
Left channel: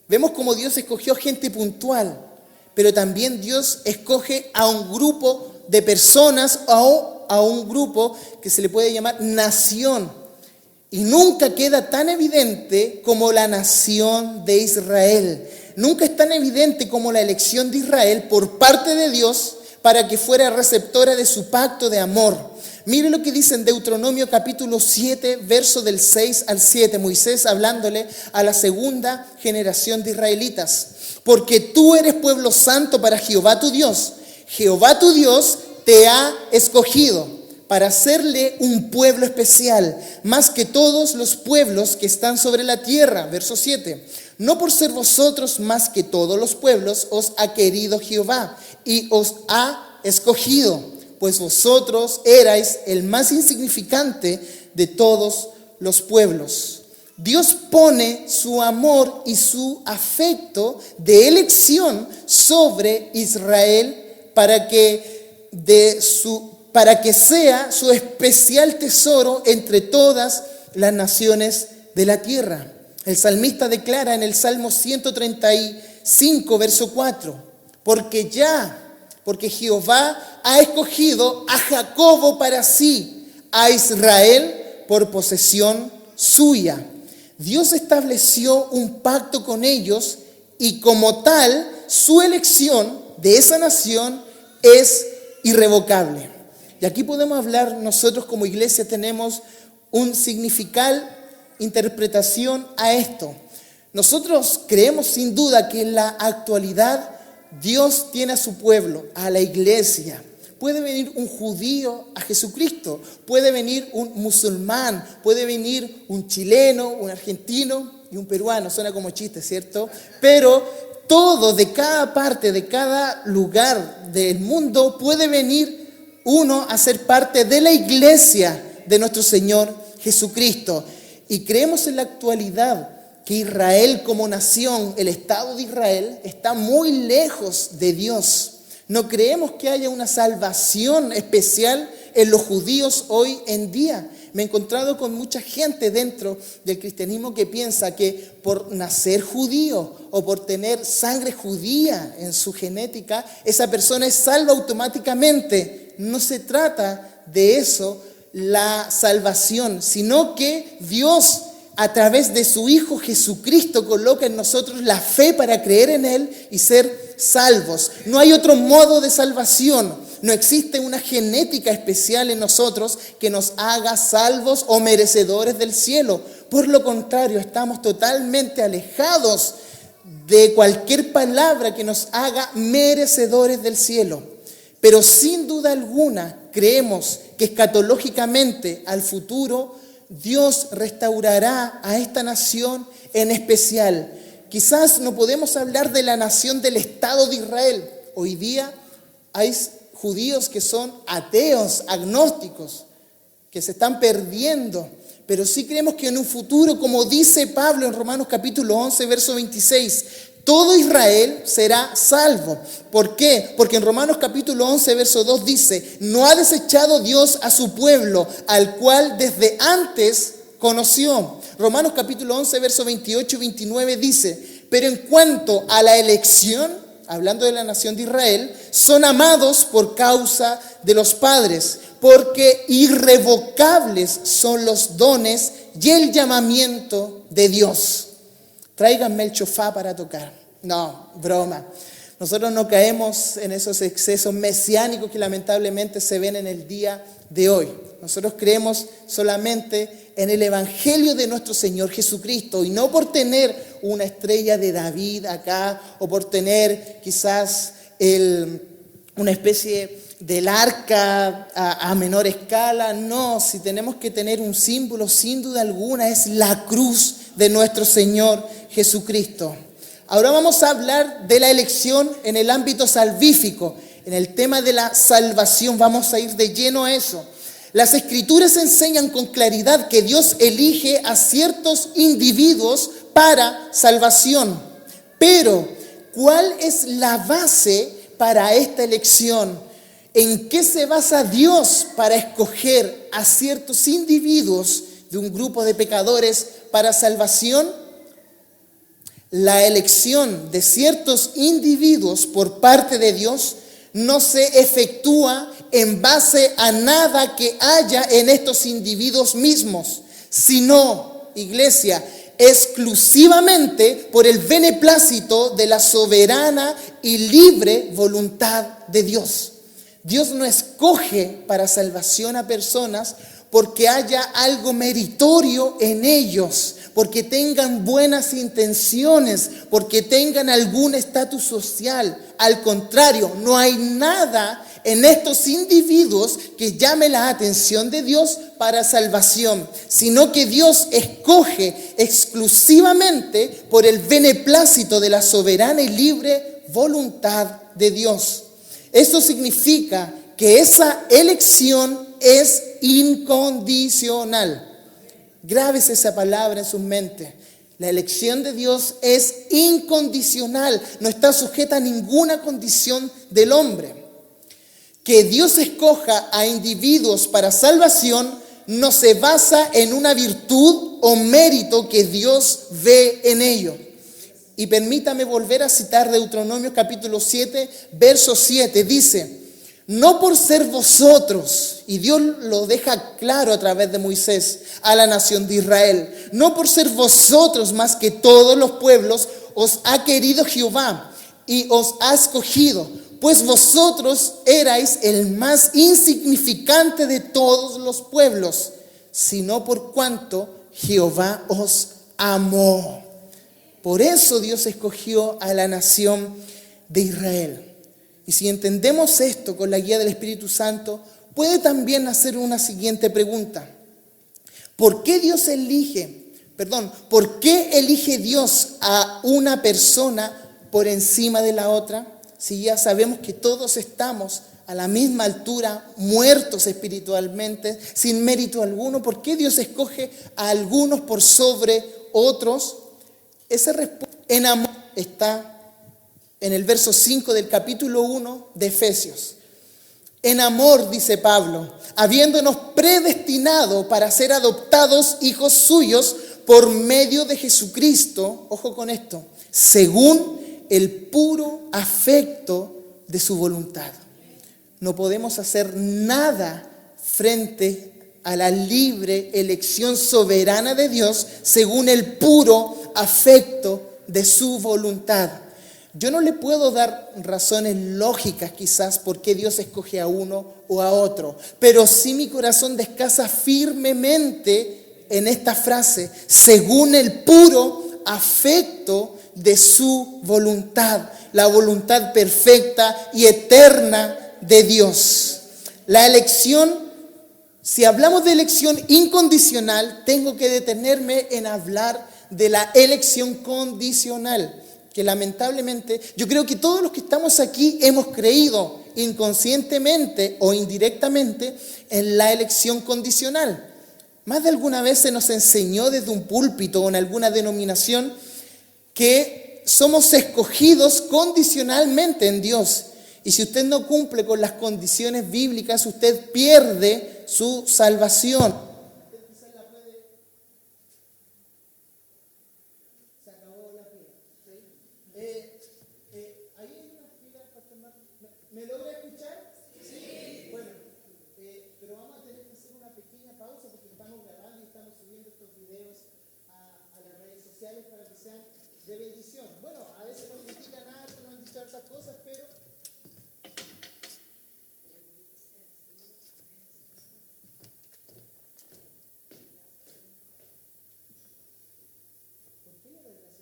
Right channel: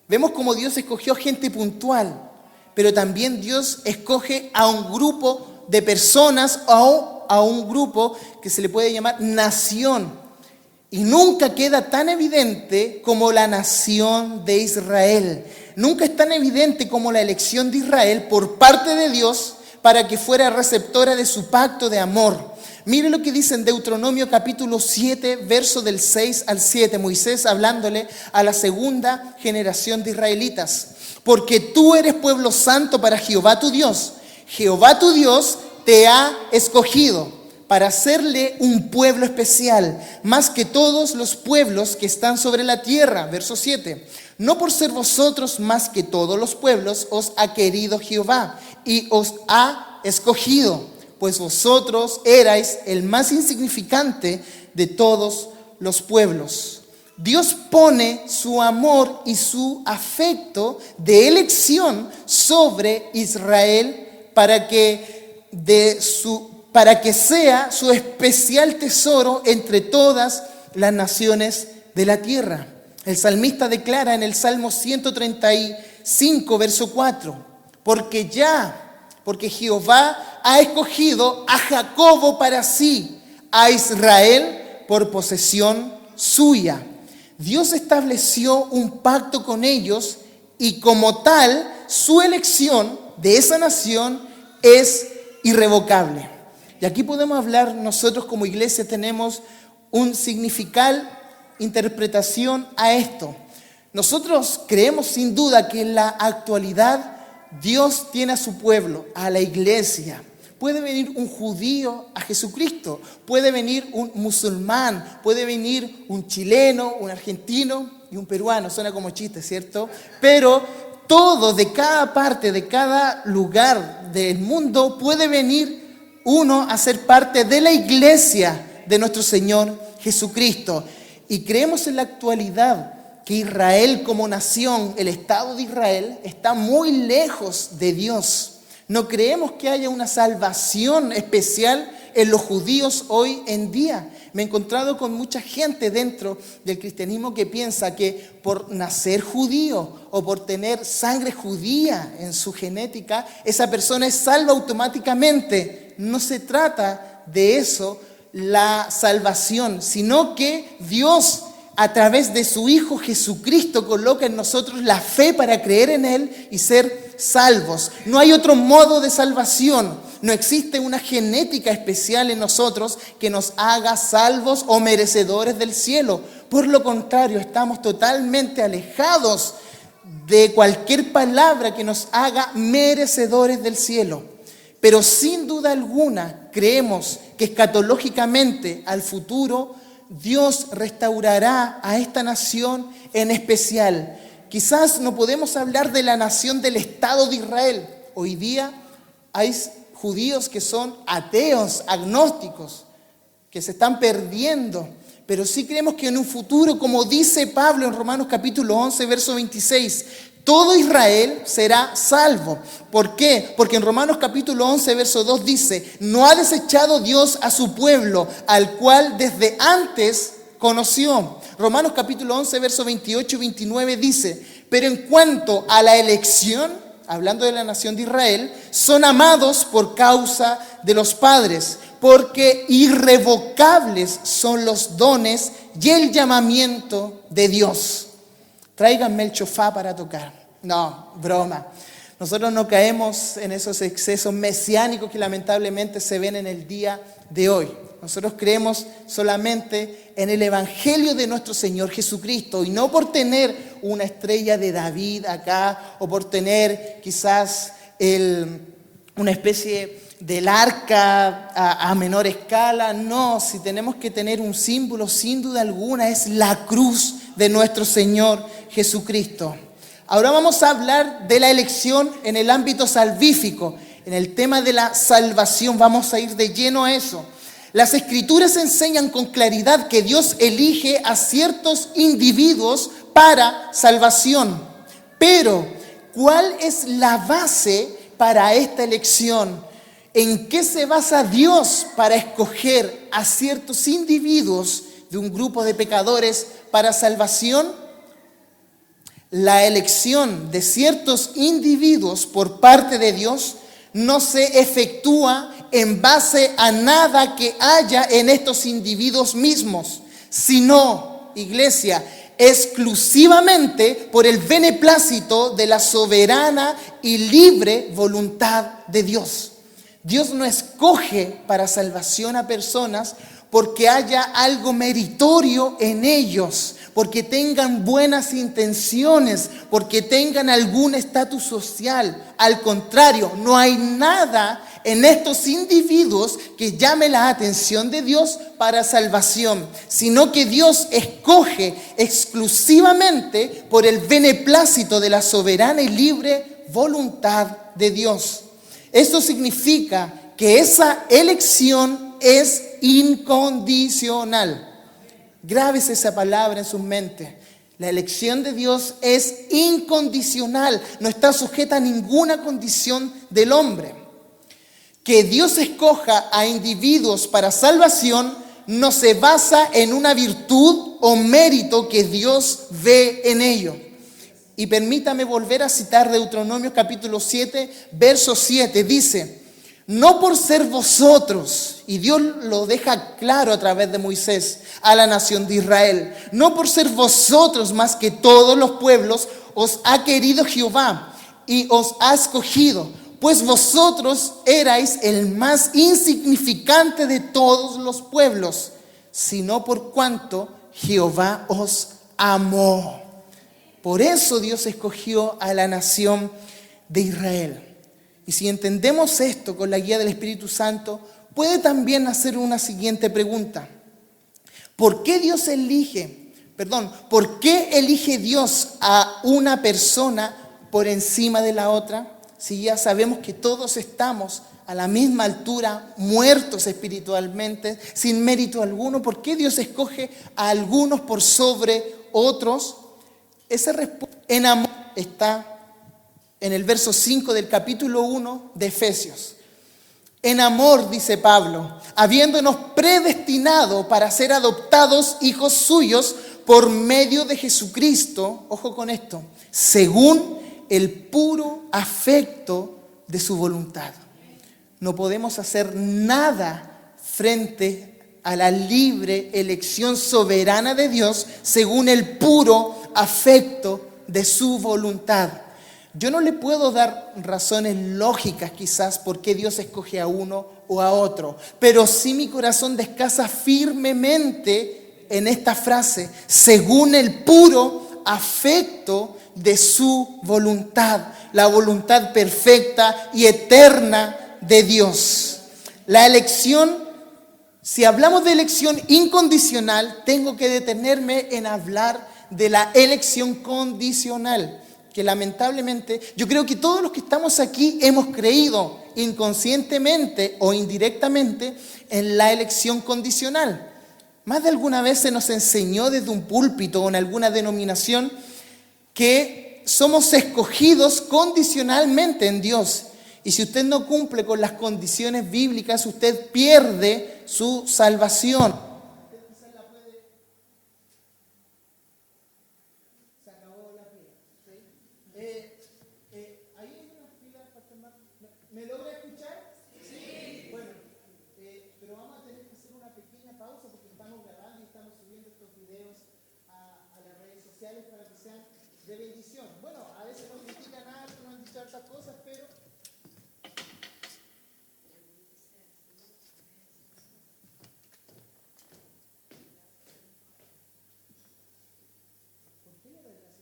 Vemos cómo Dios escogió gente puntual, pero también Dios escoge a un grupo de personas, a un grupo que se le puede llamar nación. Y nunca queda tan evidente como la nación de Israel. Nunca es tan evidente como la elección de Israel por parte de Dios para que fuera receptora de su pacto de amor. Mire lo que dice en Deuteronomio capítulo 7, verso del 6 al 7, Moisés hablándole a la segunda generación de israelitas. Porque tú eres pueblo santo para Jehová tu Dios. Jehová tu Dios te ha escogido para hacerle un pueblo especial, más que todos los pueblos que están sobre la tierra. Verso 7. No por ser vosotros más que todos los pueblos os ha querido Jehová y os ha escogido, pues vosotros erais el más insignificante de todos los pueblos. Dios pone su amor y su afecto de elección sobre Israel para que sea su especial tesoro entre todas las naciones de la tierra. El salmista declara en el Salmo 135, verso 4, porque Jehová ha escogido a Jacobo para sí, a Israel por posesión suya. Dios estableció un pacto con ellos y como tal, su elección de esa nación es irrevocable. Y aquí podemos hablar, nosotros como iglesia tenemos un significado, interpretación a esto. Nosotros creemos sin duda que en la actualidad Dios tiene a su pueblo, a la iglesia. Puede venir un judío a Jesucristo, puede venir un musulmán, puede venir un chileno, un argentino y un peruano. Suena como chiste, ¿cierto? Pero todo, de cada parte, de cada lugar del mundo, puede venir uno a ser parte de la iglesia de nuestro Señor Jesucristo. Y creemos en la actualidad que Israel como nación, el Estado de Israel, está muy lejos de Dios. No creemos que haya una salvación especial en los judíos hoy en día. Me he encontrado con mucha gente dentro del cristianismo que piensa que por nacer judío o por tener sangre judía en su genética, esa persona es salva automáticamente. No se trata de eso la salvación, sino que Dios, a través de su Hijo Jesucristo, coloca en nosotros la fe para creer en Él y ser salvos. No hay otro modo de salvación. No existe una genética especial en nosotros que nos haga salvos o merecedores del cielo. Por lo contrario, estamos totalmente alejados de cualquier palabra que nos haga merecedores del cielo. Pero sin duda alguna creemos que escatológicamente al futuro Dios restaurará a esta nación en especial. Quizás no podemos hablar de la nación del Estado de Israel. Hoy día hay judíos que son ateos, agnósticos, que se están perdiendo. Pero sí creemos que en un futuro, como dice Pablo en Romanos capítulo 11, verso 26, todo Israel será salvo. ¿Por qué? Porque en Romanos capítulo 11, verso 2 dice: no ha desechado Dios a su pueblo, al cual desde antes conoció. Romanos capítulo 11, verso 28 y 29 dice: pero en cuanto a la elección, hablando de la nación de Israel, son amados por causa de los padres, porque irrevocables son los dones y el llamamiento de Dios. Tráiganme el chofá para tocar. No, broma. Nosotros no caemos en esos excesos mesiánicos que lamentablemente se ven en el día de hoy. Nosotros creemos solamente en el Evangelio de nuestro Señor Jesucristo y no por tener una estrella de David acá o por tener quizás una especie del arca a menor escala. No, si tenemos que tener un símbolo, sin duda alguna, es la cruz de nuestro Señor Jesucristo. Ahora vamos a hablar de la elección en el ámbito salvífico. En el tema de la salvación vamos a ir de lleno a eso. Las Escrituras enseñan con claridad que Dios elige a ciertos individuos para salvación. Pero, ¿cuál es la base para esta elección? ¿En qué se basa Dios para escoger a ciertos individuos de un grupo de pecadores para salvación? La elección de ciertos individuos por parte de Dios no se efectúa en base a nada que haya en estos individuos mismos, sino, iglesia, exclusivamente por el beneplácito de la soberana y libre voluntad de Dios. Dios no escoge para salvación a personas porque haya algo meritorio en ellos, porque tengan buenas intenciones, porque tengan algún estatus social. Al contrario, no hay nada en estos individuos que llame la atención de Dios para salvación, sino que Dios escoge exclusivamente por el beneplácito de la soberana y libre voluntad de Dios. Eso significa que esa elección es incondicional. Grábese esa palabra en su mente. La elección de Dios es incondicional, no está sujeta a ninguna condición del hombre. Que Dios escoja a individuos para salvación no se basa en una virtud o mérito que Dios ve en ello. Y permítame volver a citar Deuteronomio capítulo 7, verso 7. Dice, no por ser vosotros, y Dios lo deja claro a través de Moisés a la nación de Israel, no por ser vosotros más que todos los pueblos, os ha querido Jehová y os ha escogido, pues vosotros erais el más insignificante de todos los pueblos, sino por cuanto Jehová os amó. Por eso Dios escogió a la nación de Israel. Y si entendemos esto con la guía del Espíritu Santo, puede también hacer una siguiente pregunta. ¿Por qué elige Dios a una persona por encima de la otra? Si ya sabemos que todos estamos a la misma altura, muertos espiritualmente, sin mérito alguno, ¿por qué Dios escoge a algunos por sobre otros? Esa respuesta en amor está en el verso 5 del capítulo 1 de Efesios. En amor, dice Pablo, habiéndonos predestinado para ser adoptados hijos suyos por medio de Jesucristo, ojo con esto, según el puro afecto de su voluntad. No podemos hacer nada frente a la libre elección soberana de Dios según el puro afecto de su voluntad. Yo no le puedo dar razones lógicas quizás por qué Dios escoge a uno o a otro, pero sí mi corazón descansa firmemente en esta frase, según el puro afecto de su voluntad, la voluntad perfecta y eterna de Dios. La elección, si hablamos de elección incondicional, tengo que detenerme en hablar de la elección condicional, que lamentablemente yo creo que todos los que estamos aquí hemos creído inconscientemente o indirectamente en la elección condicional. Más de alguna vez se nos enseñó desde un púlpito o en alguna denominación que somos escogidos condicionalmente en Dios. Y si usted no cumple con las condiciones bíblicas, usted pierde su salvación.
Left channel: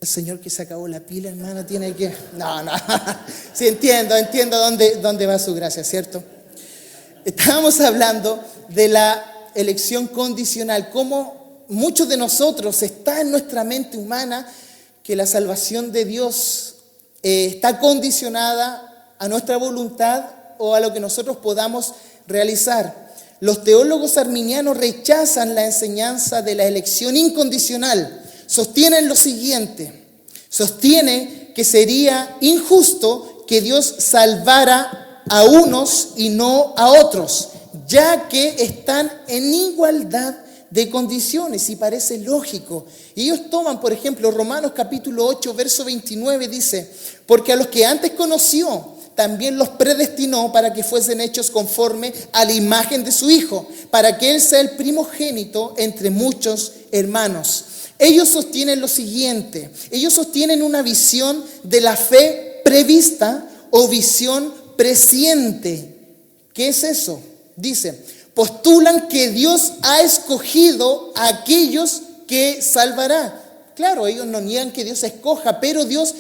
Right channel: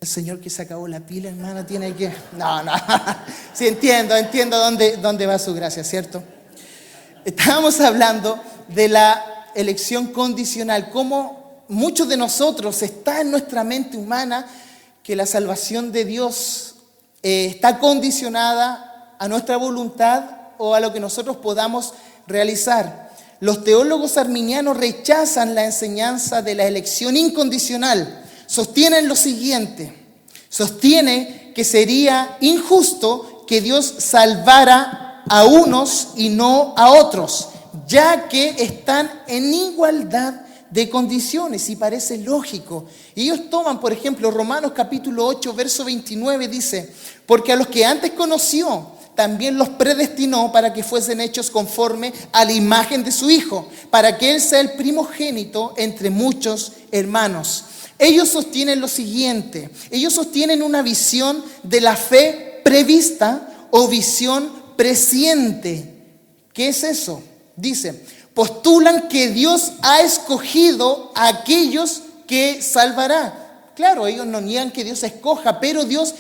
El Señor que se acabó la pila, hermano, tiene que... No. Sí, entiendo dónde va su gracia, ¿cierto? Estábamos hablando de la elección condicional, cómo muchos de nosotros está en nuestra mente humana que la salvación de Dios está condicionada a nuestra voluntad o a lo que nosotros podamos realizar. Los teólogos arminianos rechazan la enseñanza de la elección incondicional. Sostienen lo siguiente: sostiene que sería injusto que Dios salvara a unos y no a otros, ya que están en igualdad de condiciones, y parece lógico. Y ellos toman, por ejemplo, Romanos capítulo 8, verso 29, dice: porque a los que antes conoció, también los predestinó para que fuesen hechos conforme a la imagen de su Hijo, para que Él sea el primogénito entre muchos hermanos. Ellos sostienen lo siguiente: ellos sostienen una visión de la fe prevista o visión presciente. ¿Qué es eso? Dice, postulan que Dios ha escogido a aquellos que salvará. Claro, ellos no niegan que Dios escoja, pero Dios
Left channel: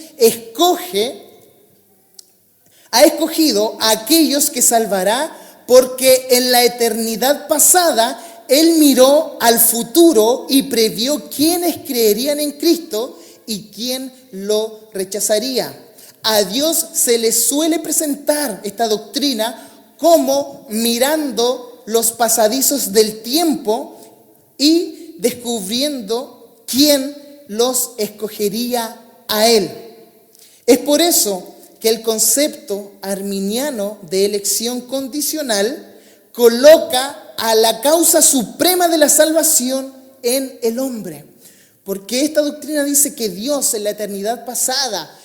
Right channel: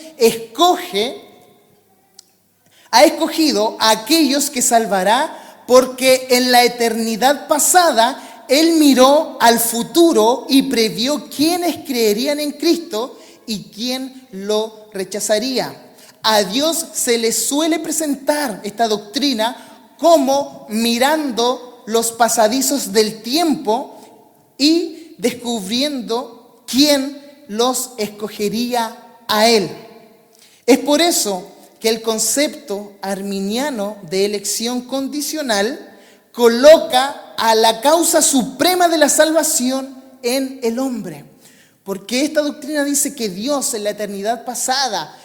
ha escogido a aquellos que salvará porque en la eternidad pasada Él miró al futuro y previó quiénes creerían en Cristo y quién lo rechazaría. A Dios se le suele presentar esta doctrina como mirando los pasadizos del tiempo y descubriendo quién los escogería a Él. Es por eso que el concepto arminiano de elección condicional coloca a la causa suprema de la salvación en el hombre. Porque esta doctrina dice que Dios en la eternidad pasada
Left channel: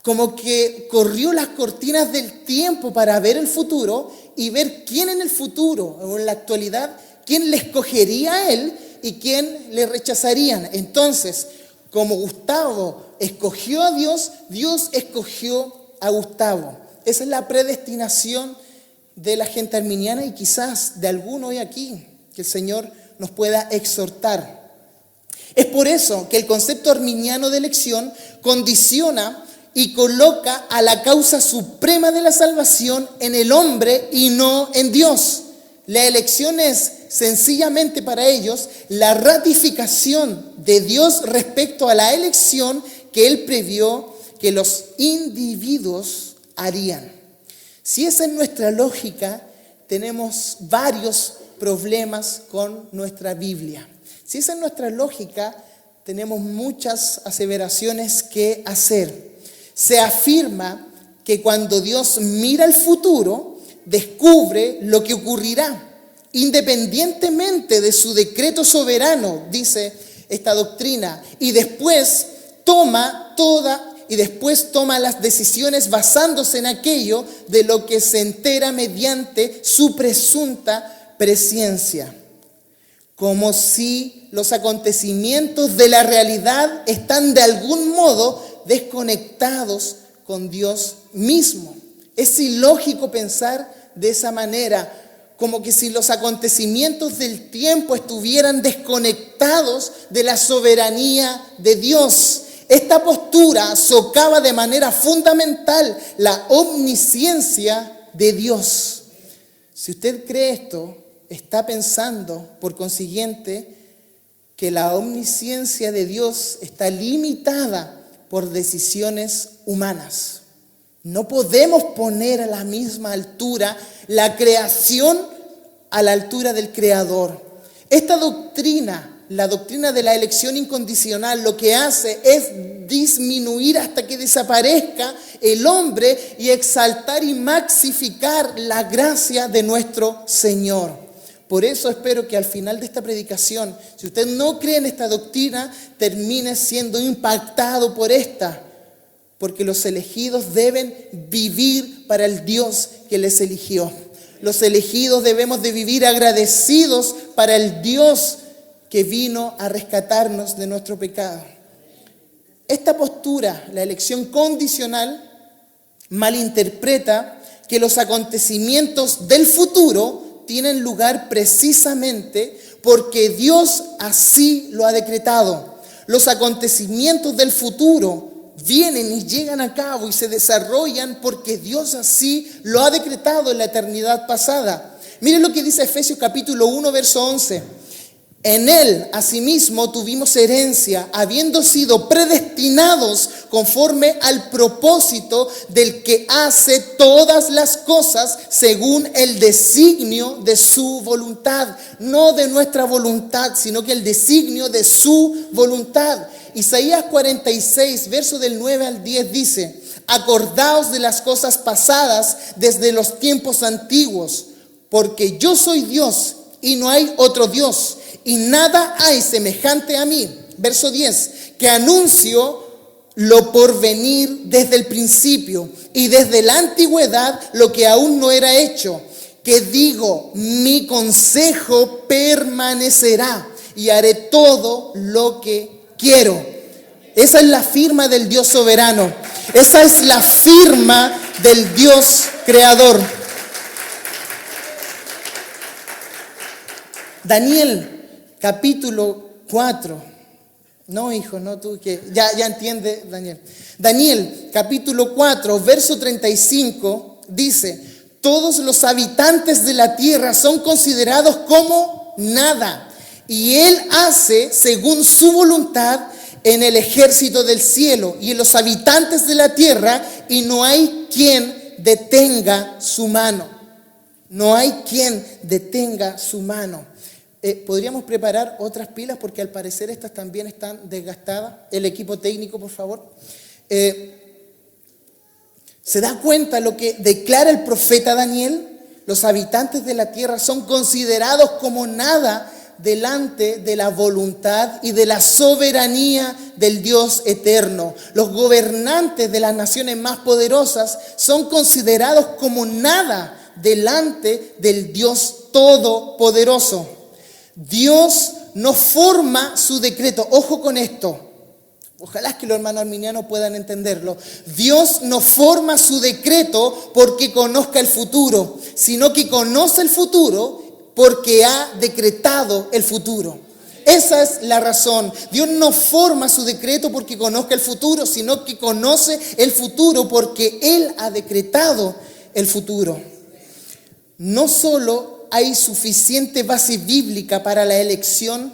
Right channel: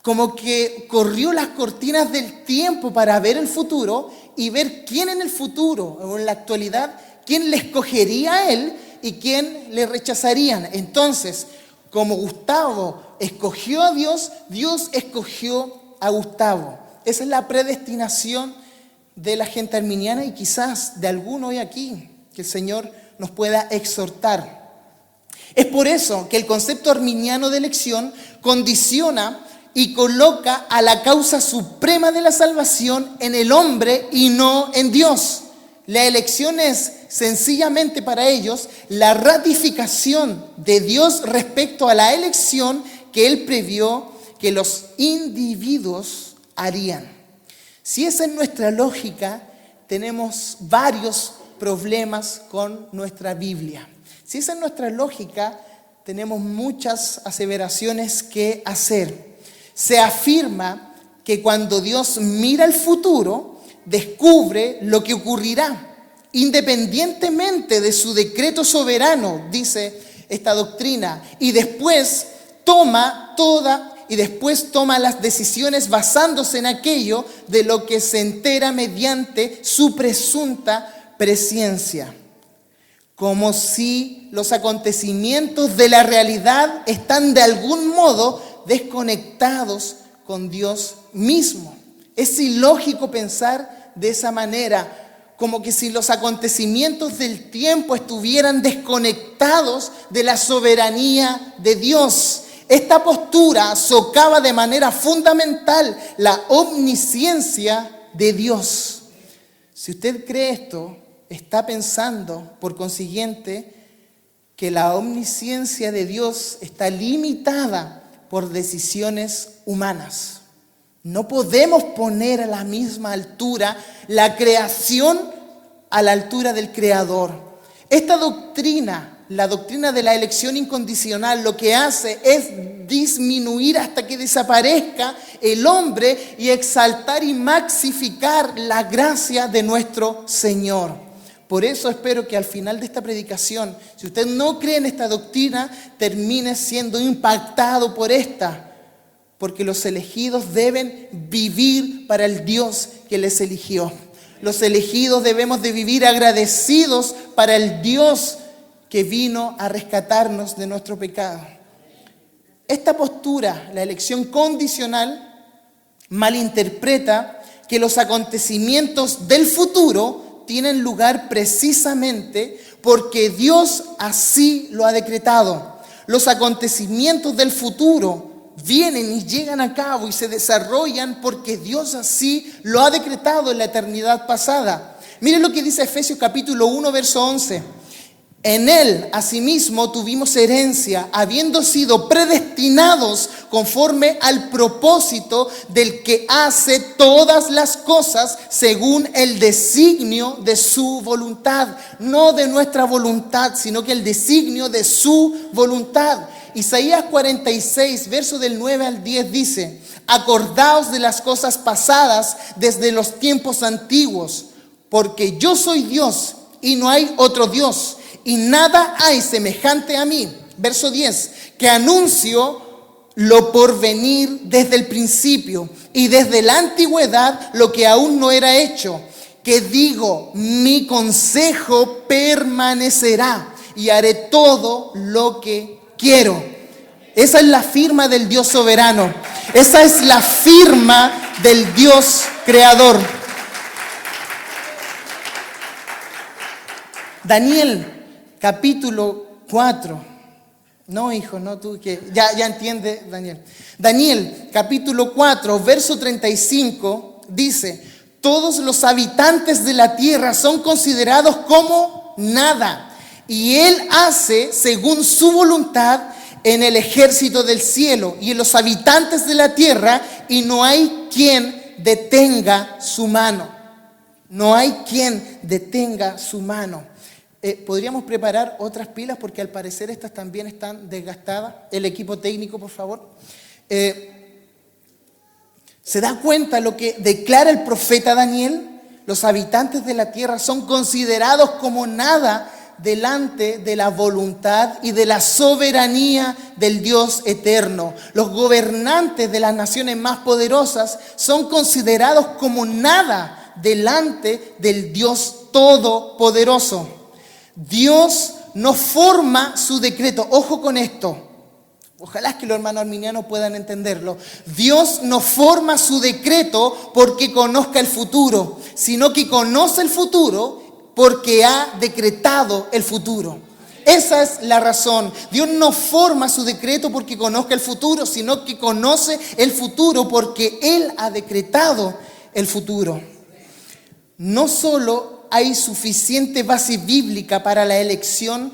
como que corrió las cortinas del tiempo para ver el futuro y ver quién en el futuro o en la actualidad, quién le escogería a Él y quién le rechazarían. Entonces, como Gustavo escogió a Dios, Dios escogió a Gustavo. Esa es la predestinación de la gente arminiana y quizás de alguno hoy aquí que el Señor nos pueda exhortar. Es por eso que el concepto arminiano de elección condiciona y coloca a la causa suprema de la salvación en el hombre y no en Dios. La elección es sencillamente para ellos la ratificación de Dios respecto a la elección que Él previó que los individuos harían. Si esa es nuestra lógica, tenemos varios problemas con nuestra Biblia. Si esa es nuestra lógica, tenemos muchas aseveraciones que hacer. Se afirma que cuando Dios mira el futuro, descubre lo que ocurrirá, independientemente de su decreto soberano, dice esta doctrina, y después toma las decisiones basándose en aquello de lo que se entera mediante su presunta presciencia. Como si los acontecimientos de la realidad están de algún modo desconectados con Dios mismo. Es ilógico pensar de esa manera, como que si los acontecimientos del tiempo estuvieran desconectados de la soberanía de Dios. Esta postura socava de manera fundamental la omnisciencia de Dios. Si usted cree esto, está pensando, por consiguiente, que la omnisciencia de Dios está limitada por decisiones humanas. No podemos poner a la misma altura la creación a la altura del Creador. Esta doctrina, la doctrina de la elección incondicional, lo que hace es disminuir hasta que desaparezca el hombre y exaltar y maxificar la gracia de nuestro Señor. Por eso espero que al final de esta predicación, si usted no cree en esta doctrina, termine siendo impactado por esta. Porque los elegidos deben vivir para el Dios que les eligió. Los elegidos debemos de vivir agradecidos para el Dios que vino a rescatarnos de nuestro pecado. Esta postura, la elección condicional, malinterpreta que los acontecimientos del futuro tienen lugar precisamente porque Dios así lo ha decretado. Los acontecimientos del futuro vienen y llegan a cabo y se desarrollan porque Dios así lo ha decretado en la eternidad pasada. Miren lo que dice Efesios capítulo 1, verso 11. En Él, asimismo, tuvimos herencia, habiendo sido predestinados conforme al propósito del que hace todas las cosas según el designio de su voluntad. No de nuestra voluntad, sino que el designio de su voluntad. Isaías 46, verso del 9 al 10 dice: acordaos de las cosas pasadas desde los tiempos antiguos, porque yo soy Dios y no hay otro Dios, y nada hay semejante a mí. Verso 10, que anuncio lo por venir desde el principio y desde la antigüedad lo que aún no era hecho, que digo, mi consejo permanecerá y haré todo lo que quiero. Esa es la firma del Dios soberano. Esa es la firma del Dios creador. Daniel capítulo 4. No, hijo, no tú que ya entiende, Daniel. Daniel capítulo 4, verso 35 dice: todos los habitantes de la tierra son considerados como nada, y Él hace según su voluntad en el ejército del cielo y en los habitantes de la tierra, y no hay quien detenga su mano. No hay quien detenga su mano. ¿Podríamos preparar otras pilas? Porque al parecer estas también están desgastadas. El equipo técnico, por favor. ¿Se da cuenta lo que declara el profeta Daniel? Los habitantes de la tierra son considerados como nada delante de la voluntad y de la soberanía del Dios eterno. Los gobernantes de las naciones más poderosas son considerados como nada delante del Dios todopoderoso. Dios no forma su decreto. Ojo con esto. Ojalá que los hermanos arminianos puedan entenderlo. Dios no forma su decreto porque conozca el futuro, sino que conoce el futuro porque ha decretado el futuro. Esa es la razón. Dios no forma su decreto porque conozca el futuro, sino que conoce el futuro porque Él ha decretado el futuro. No solo hay suficiente base bíblica para la elección,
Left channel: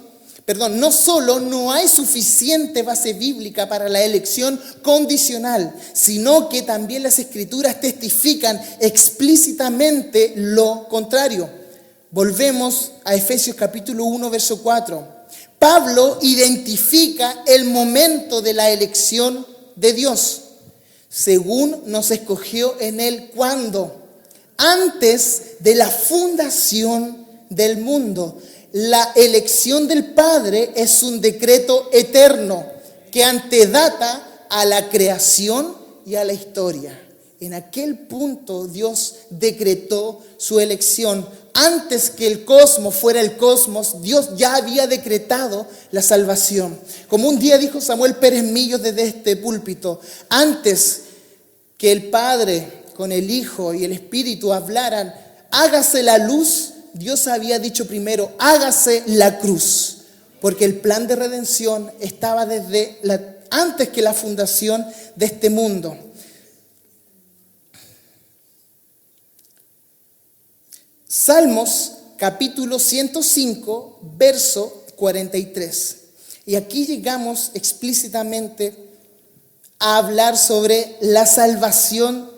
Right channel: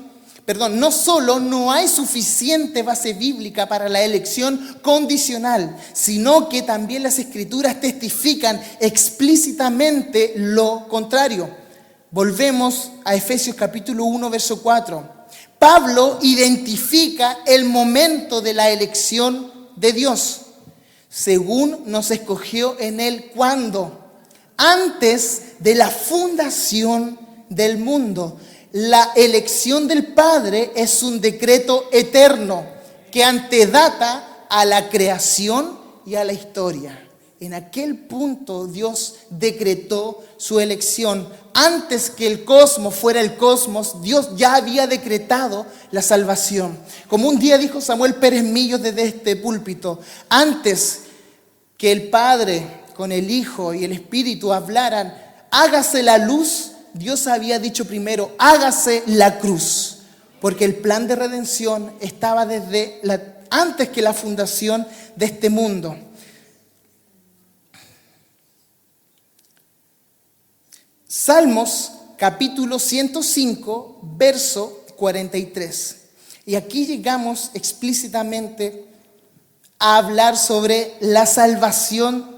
no solo no hay suficiente base bíblica para la elección condicional, sino que también las Escrituras testifican explícitamente lo contrario. Volvemos a Efesios capítulo 1, verso 4. Pablo identifica el momento de la elección de Dios, según nos escogió en Él cuando antes de la fundación del mundo. La elección del Padre es un decreto eterno que antedata a la creación y a la historia. En aquel punto Dios decretó su elección. Antes que el cosmos fuera el cosmos, Dios ya había decretado la salvación. Como un día dijo Samuel Pérez Millos desde este púlpito, antes que el Padre con el Hijo y el Espíritu hablaran, hágase la luz, Dios había dicho primero, hágase la cruz, porque el plan de redención estaba antes que la fundación de este mundo. Salmos capítulo 105, verso 43. Y aquí llegamos explícitamente a hablar sobre la salvación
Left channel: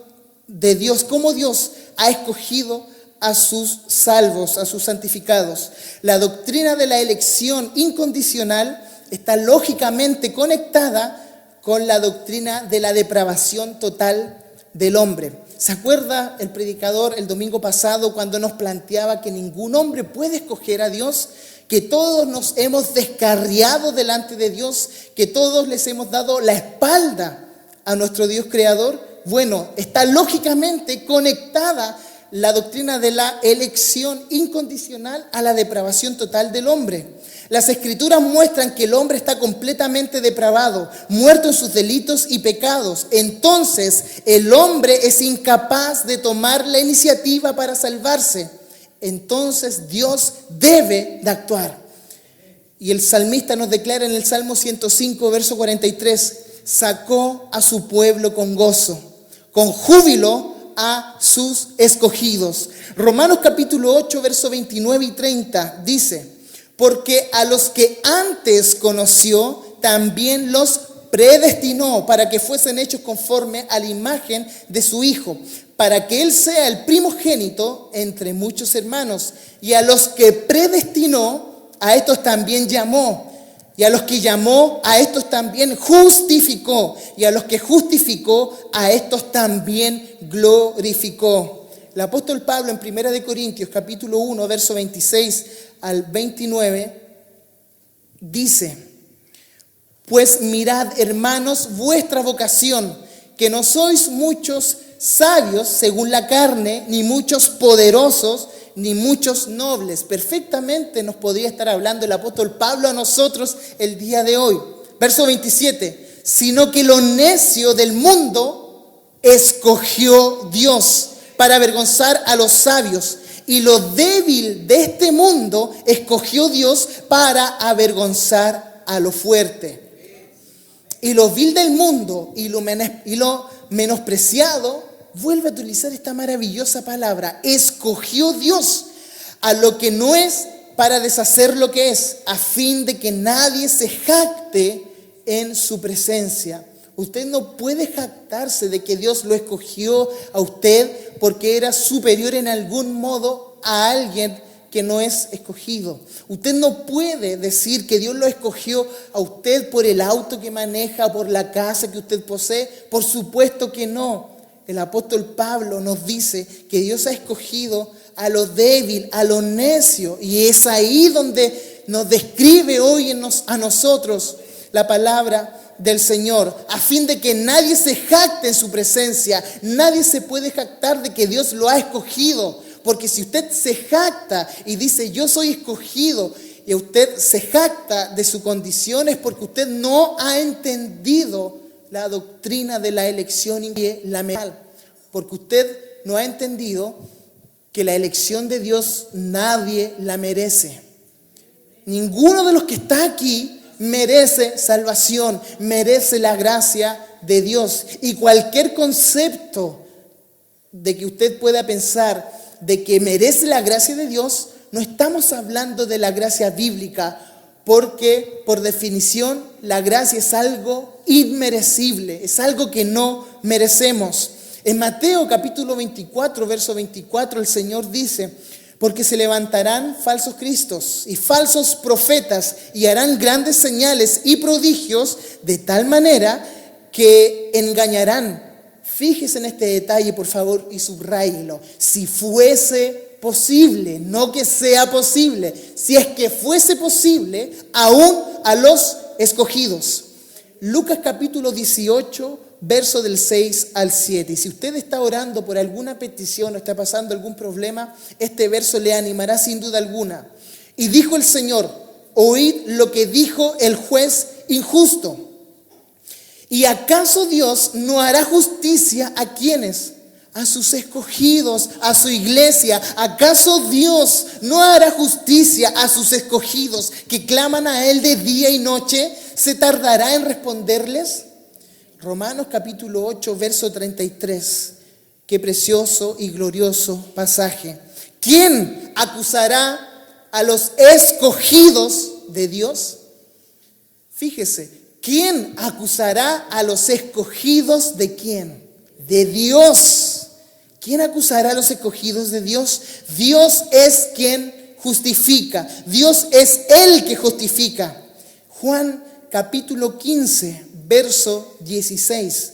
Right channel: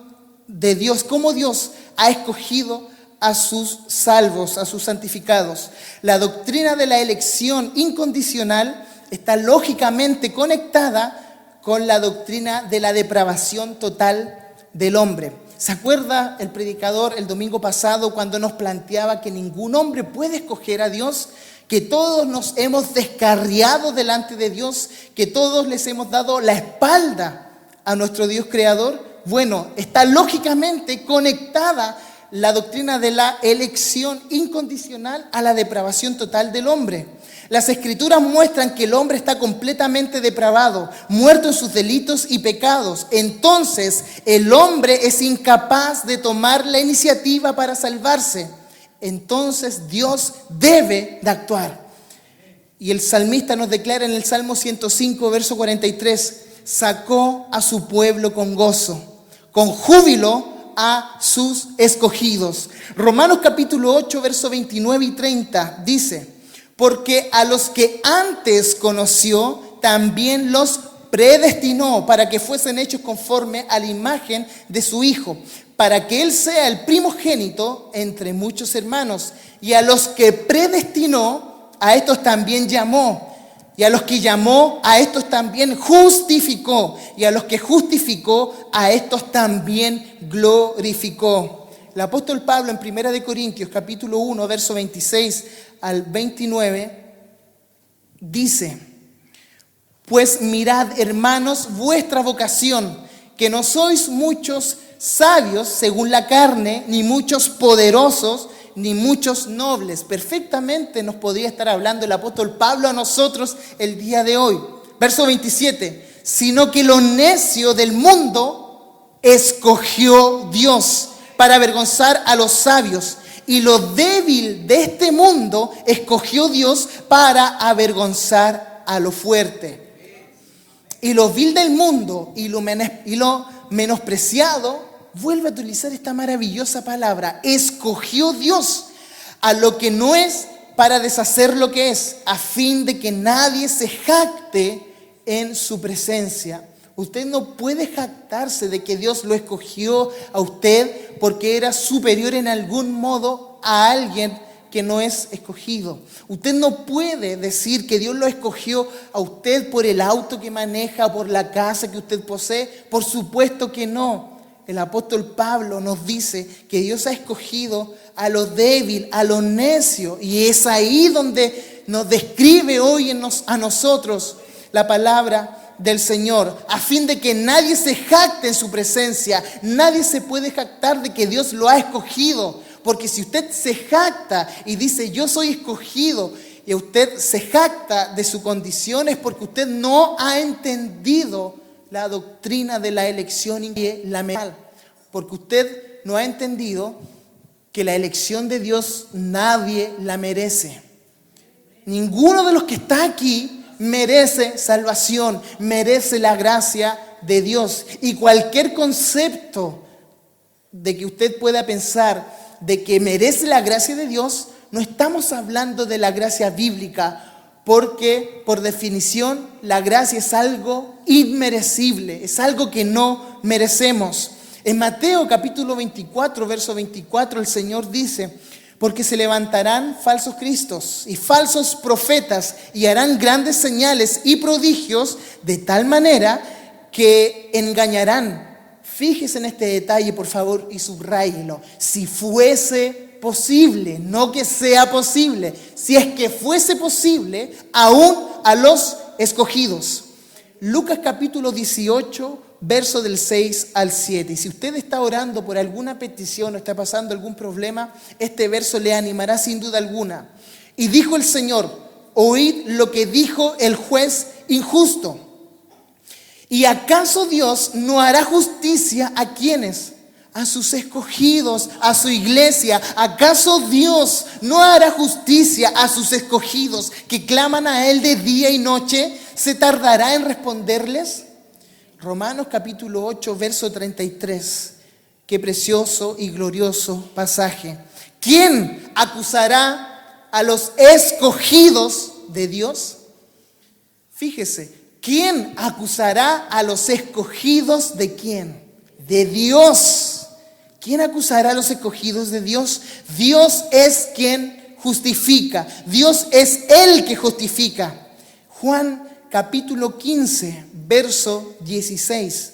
de Dios, cómo Dios ha escogido a sus salvos, a sus santificados. La doctrina de la elección incondicional está lógicamente conectada con la doctrina de la depravación total del hombre. ¿Se acuerda el predicador el domingo pasado cuando nos planteaba que ningún hombre puede escoger a Dios? Que todos nos hemos descarriado delante de Dios, que todos les hemos dado la espalda a nuestro Dios creador. Bueno, está lógicamente conectada la doctrina de la elección incondicional a la depravación total del hombre. Las Escrituras muestran que el hombre está completamente depravado, muerto en sus delitos y pecados. Entonces, el hombre es incapaz de tomar la iniciativa para salvarse. Entonces, Dios debe de actuar. Y el salmista nos declara en el Salmo 105, verso 43, sacó a su pueblo con gozo, con júbilo a sus escogidos. Romanos capítulo 8, verso 29 y 30 dice: porque a los que antes conoció, también los predestinó para que fuesen hechos conforme a la imagen de su Hijo, para que Él sea el primogénito entre muchos hermanos. Y a los que predestinó, a estos también llamó. Y a los que llamó, a estos también justificó. Y a los que justificó, a estos también glorificó. El apóstol Pablo en 1 Corintios capítulo 1, verso 26 al 29, dice: pues mirad, hermanos, vuestra vocación, que no sois muchos sabios según la carne, ni muchos poderosos, ni muchos nobles. Perfectamente nos podría estar hablando el apóstol Pablo a nosotros el día de hoy. Verso 27, sino que lo necio del mundo escogió Dios para avergonzar a los sabios, y lo débil de este mundo escogió Dios para avergonzar a lo fuerte. Y lo vil del mundo y lo menospreciado, vuelve a utilizar esta maravillosa palabra, escogió Dios a lo que no es para deshacer lo que es, a fin de que nadie se jacte en su presencia. Usted no puede jactarse de que Dios lo escogió a usted porque era superior en algún modo a alguien que no es escogido. Usted no puede decir que Dios lo escogió a usted por el auto que maneja, por la casa que usted posee. Por supuesto que no. El apóstol Pablo nos dice que Dios ha escogido a lo débil, a lo necio, y es ahí donde nos describe hoy a nosotros la palabra del Señor, a fin de que nadie se jacte en su presencia. Nadie se puede jactar de que Dios lo ha escogido, porque si usted se jacta y dice yo soy escogido, y usted se jacta de su condición, es porque usted no ha entendido la doctrina de la elección y la moral, porque usted no ha entendido que la elección de Dios nadie la merece. Ninguno de los que está aquí merece salvación, merece la gracia de Dios. Y cualquier concepto de que usted pueda pensar de que merece la gracia de Dios, no estamos hablando de la gracia bíblica, porque por definición la gracia es algo inmerecible, es algo que no merecemos. En Mateo capítulo 24, verso 24, el Señor dice: porque se levantarán falsos cristos y falsos profetas y harán grandes señales y prodigios, de tal manera que engañarán. Fíjese en este detalle, por favor, y subráyelo. Si fuese posible, no que sea posible, si es que fuese posible, aún a los escogidos. Lucas capítulo 18, verso del 6 al 7. Y si usted está orando por alguna petición o está pasando algún problema, este verso le animará sin duda alguna. Y dijo el Señor: oíd lo que dijo el juez injusto. ¿Y acaso Dios no hará justicia a quienes? A sus escogidos, a su iglesia. ¿Acaso Dios no hará justicia a sus escogidos que claman a Él de día y noche? ¿Se tardará en responderles? Romanos capítulo 8, verso 33. Qué precioso y glorioso pasaje. ¿Quién acusará a los escogidos de Dios? Fíjese. ¿Quién acusará a los escogidos de quién? De Dios. ¿Quién acusará a los escogidos de Dios? Dios es quien justifica. Dios es el que justifica. Juan capítulo 15, verso 16.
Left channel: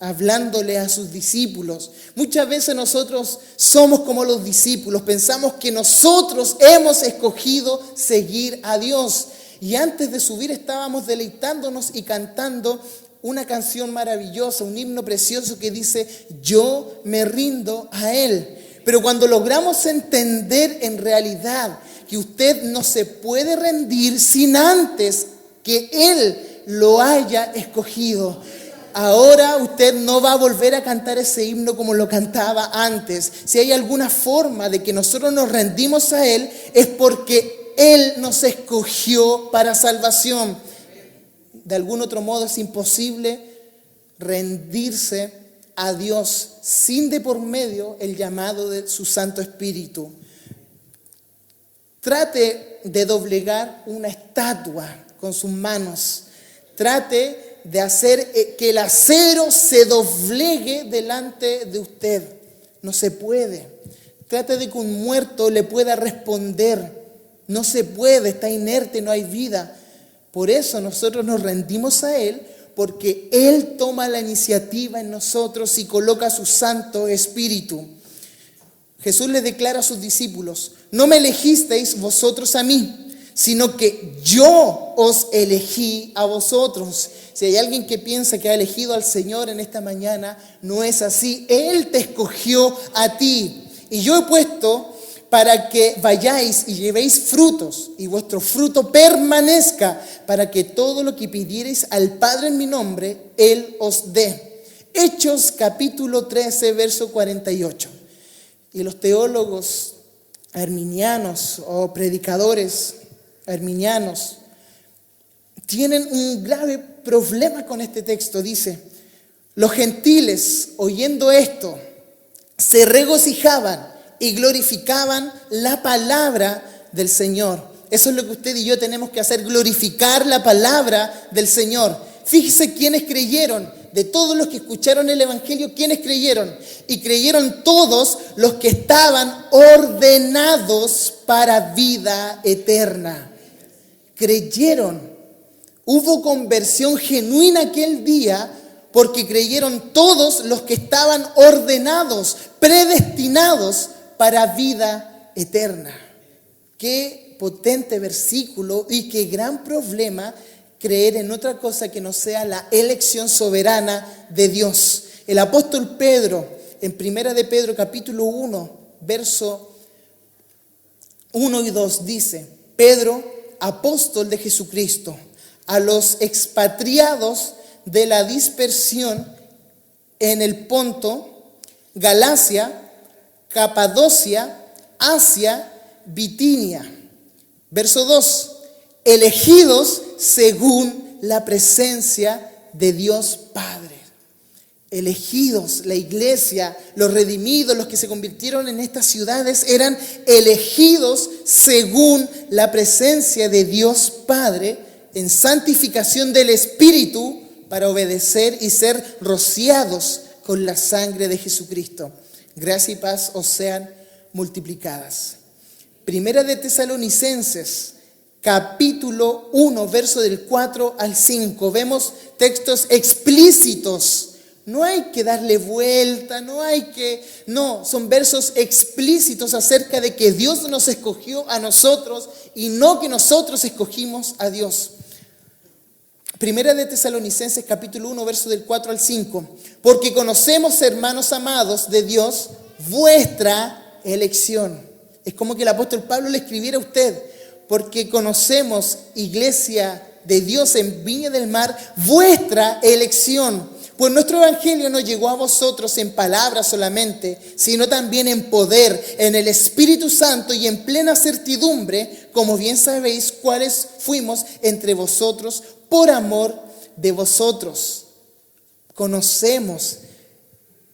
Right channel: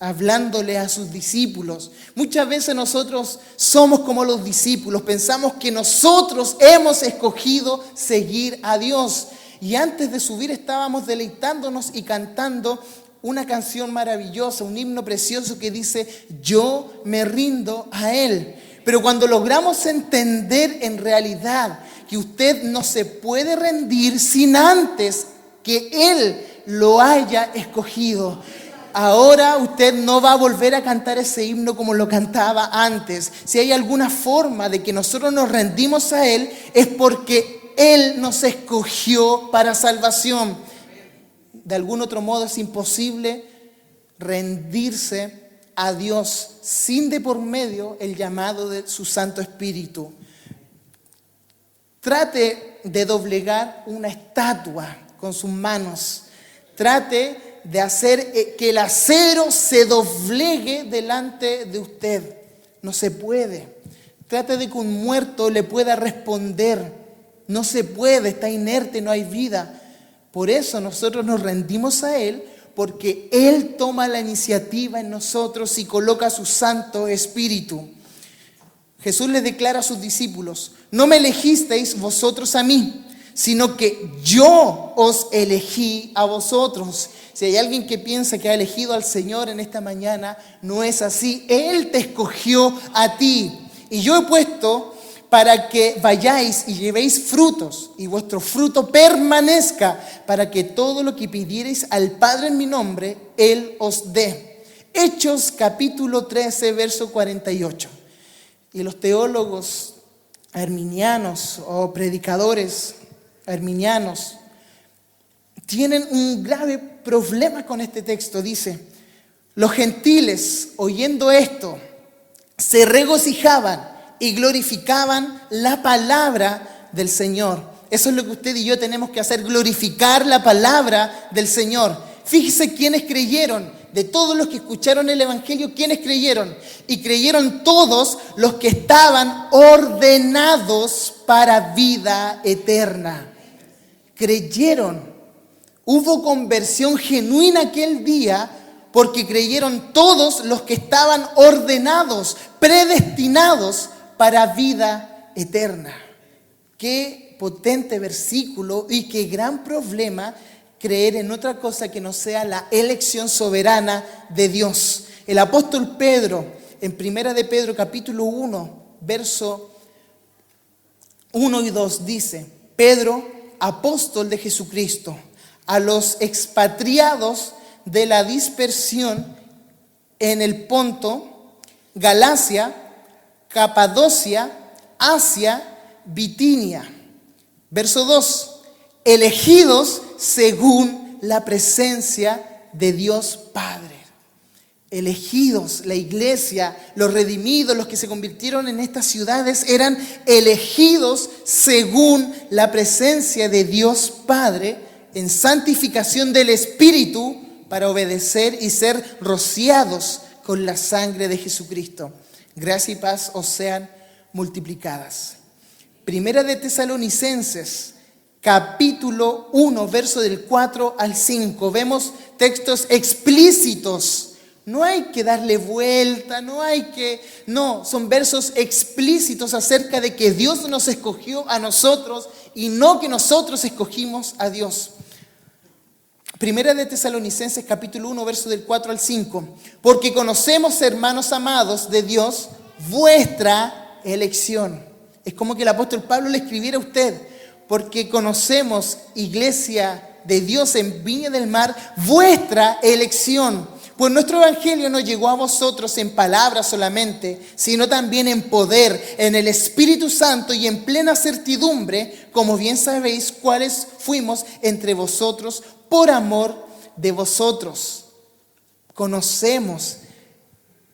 Hablándole a sus discípulos. Muchas veces nosotros somos como los discípulos. Pensamos que nosotros hemos escogido seguir a Dios. Y antes de subir estábamos deleitándonos y cantando una canción maravillosa, un himno precioso que dice: yo me rindo a Él. Pero cuando logramos entender en realidad que usted no se puede rendir sin antes que Él lo haya escogido, ahora usted no va a volver a cantar ese himno como lo cantaba antes. Si hay alguna forma de que nosotros nos rendimos a Él, es porque Él nos escogió para salvación. De algún otro modo es imposible rendirse a Dios sin de por medio el llamado de su Santo Espíritu. Trate de doblegar una estatua con sus manos. Trate de hacer que el acero se doblegue delante de usted. No se puede. Trate de que un muerto le pueda responder. No se puede, está inerte, no hay vida. Por eso nosotros nos rendimos a Él, porque Él toma la iniciativa en nosotros y coloca su Santo Espíritu. Jesús le declara a sus discípulos: no me elegisteis vosotros a mí, sino que yo os elegí a vosotros. Si hay alguien que piensa que ha elegido al Señor en esta mañana, no es así. Él te escogió a ti. Y yo he puesto para que vayáis y llevéis frutos, y vuestro fruto permanezca, para que todo lo que pidierais al Padre en mi nombre, Él os dé. Hechos capítulo 13, verso 48. Y los teólogos arminianos o predicadores arminianos tienen un grave problema con este texto. Dice: los gentiles, oyendo esto, se regocijaban y glorificaban la palabra del Señor. Eso es lo que usted y yo tenemos que hacer, glorificar la palabra del Señor. Fíjese quiénes creyeron. De todos los que escucharon el Evangelio, ¿quiénes creyeron? Y creyeron todos los que estaban ordenados para vida eterna. Creyeron. Hubo conversión genuina aquel día porque creyeron todos los que estaban ordenados, predestinados para vida eterna. Qué potente versículo y qué gran problema creer en otra cosa que no sea la elección soberana de Dios. El apóstol Pedro, en 1 de Pedro capítulo 1, verso 1 y 2 dice: Pedro, apóstol de Jesucristo, a los expatriados de la dispersión en el Ponto, Galacia, Capadocia, Asia, Bitinia. Verso 2: elegidos según la presencia de Dios Padre. Elegidos, la iglesia, los redimidos, los que se convirtieron en estas ciudades, eran elegidos según la presencia de Dios Padre, en santificación del Espíritu, para obedecer y ser rociados con la sangre de Jesucristo. Gracia y paz os sean multiplicadas. Primera de Tesalonicenses, capítulo 1, verso del 4 al 5. Vemos textos explícitos. No hay que darle vuelta, no, son versos explícitos acerca de que Dios nos escogió a nosotros y no que nosotros escogimos a Dios. Primera de Tesalonicenses, capítulo 1, verso del 4 al 5. Porque conocemos, hermanos amados de Dios, vuestra elección. Es como que el apóstol Pablo le escribiera a usted: porque conocemos, iglesia de Dios en Viña del Mar, vuestra elección. Pues nuestro evangelio no llegó a vosotros en palabras solamente, sino también en poder, en el Espíritu Santo y en plena certidumbre, como bien sabéis cuáles fuimos entre vosotros por amor de vosotros. Conocemos,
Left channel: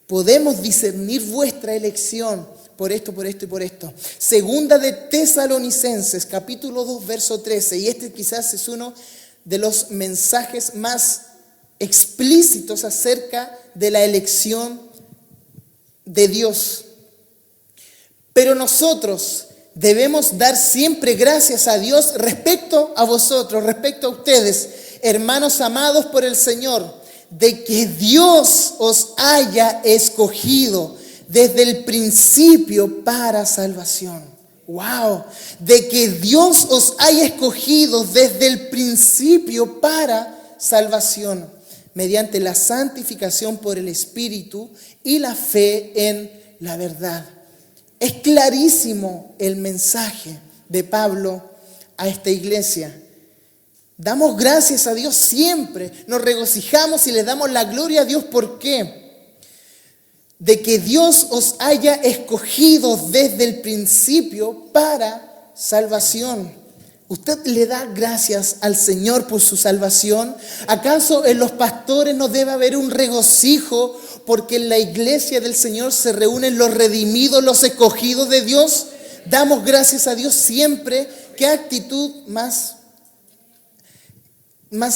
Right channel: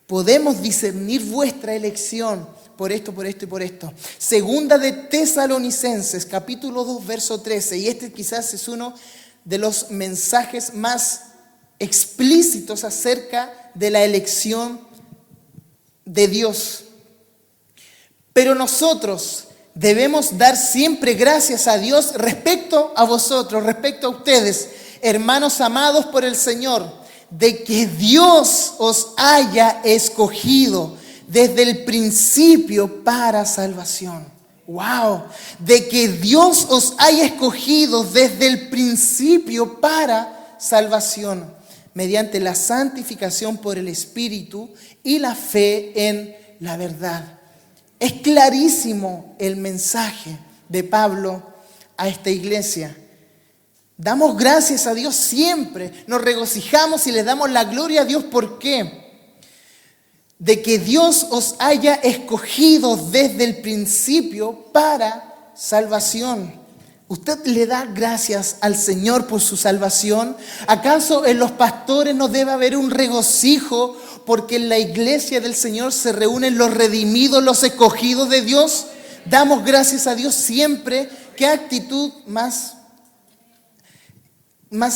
podemos discernir vuestra elección por esto, por esto y por esto. Segunda de Tesalonicenses, capítulo 2, verso 13. Y este quizás es uno de los mensajes más explícitos acerca de la elección de Dios. Pero nosotros debemos dar siempre gracias a Dios respecto a vosotros, respecto a ustedes, hermanos amados por el Señor, de que Dios os haya escogido desde el principio para salvación. ¡Wow! De que Dios os haya escogido desde el principio para salvación, mediante la santificación por el Espíritu y la fe en la verdad. Es clarísimo el mensaje de Pablo a esta iglesia. Damos gracias a Dios siempre, nos regocijamos y le damos la gloria a Dios. ¿Por qué? De que Dios os haya escogido desde el principio para salvación. ¿Usted le da gracias al Señor por su salvación? ¿Acaso en los pastores no debe haber un regocijo porque en la iglesia del Señor se reúnen los redimidos, los escogidos de Dios? Damos gracias a Dios siempre. ¿Qué actitud más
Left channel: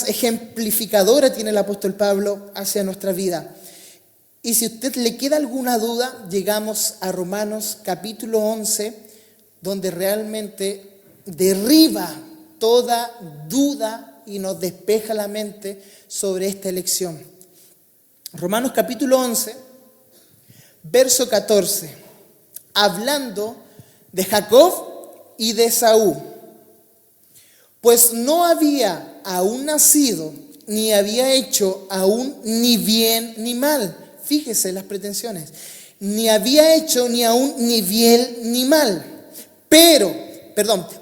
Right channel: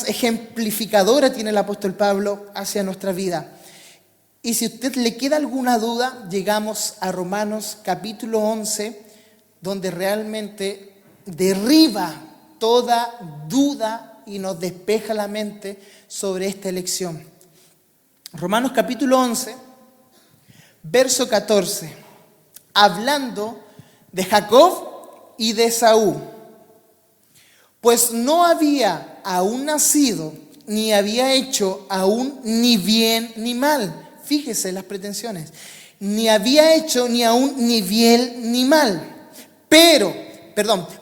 ejemplificadora tiene el apóstol Pablo hacia nuestra vida? Y si a usted le queda alguna duda, llegamos a Romanos capítulo 11, donde realmente derriba toda duda y nos despeja la mente sobre esta elección. Romanos capítulo 11, verso 14, hablando de Jacob y de Esaú. Pues no había aún nacido, ni había hecho aún ni bien ni mal. Fíjese las pretensiones. Ni había hecho ni aún ni bien ni mal.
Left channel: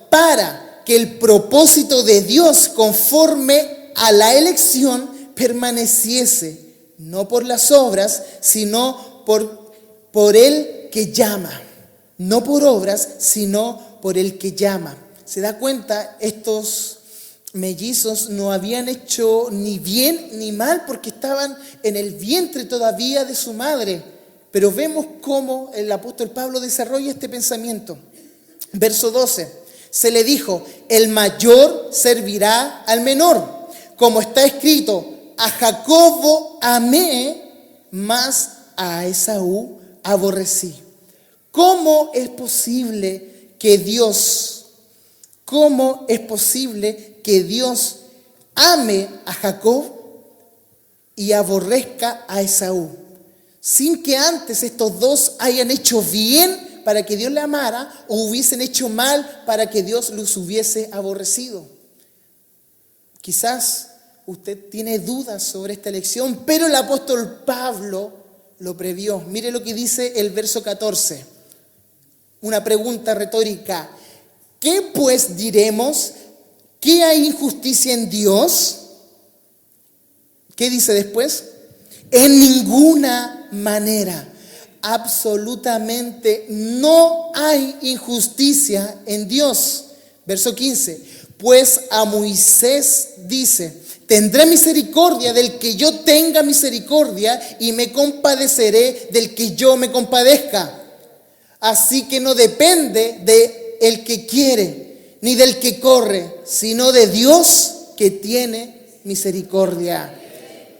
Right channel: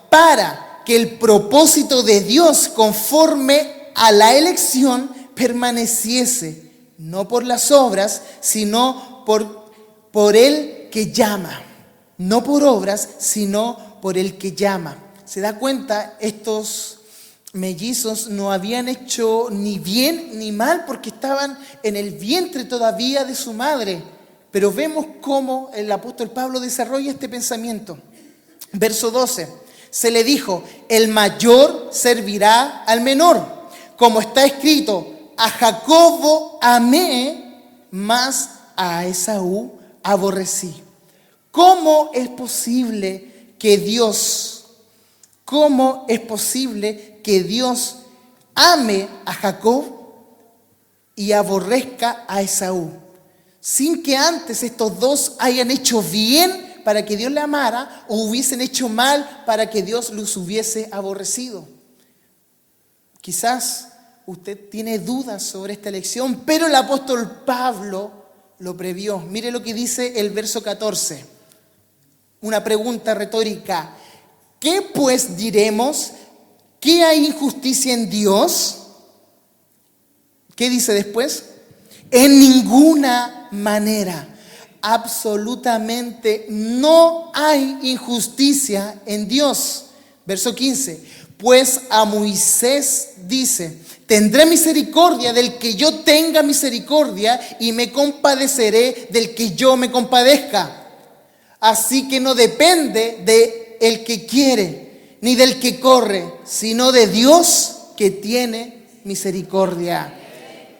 Para que el propósito de Dios conforme a la elección permaneciese, no por las obras, sino por el que llama. No por obras, sino por el que llama. ¿Se da cuenta? Estos mellizos no habían hecho ni bien ni mal porque estaban en el vientre todavía de su madre. Pero vemos cómo el apóstol Pablo desarrolla este pensamiento. Verso 12, se le dijo, el mayor servirá al menor. Como está escrito, a Jacobo amé, mas a Esaú aborrecí. ¿Cómo es posible que Dios ame a Jacob y aborrezca a Esaú, sin que antes estos dos hayan hecho bien para que Dios le amara o hubiesen hecho mal para que Dios los hubiese aborrecido? Quizás usted tiene dudas sobre esta elección, pero el apóstol Pablo lo previó. Mire lo que dice el verso 14. Una pregunta retórica. ¿Qué pues diremos? ¿Que hay injusticia en Dios? ¿Qué dice después? En ninguna manera. Absolutamente no hay injusticia en Dios. Verso 15. Pues a Moisés dice, tendré misericordia del que yo tenga misericordia y me compadeceré del que yo me compadezca. Así que no depende de el que quiere ni del que corre, sino de Dios que tiene misericordia.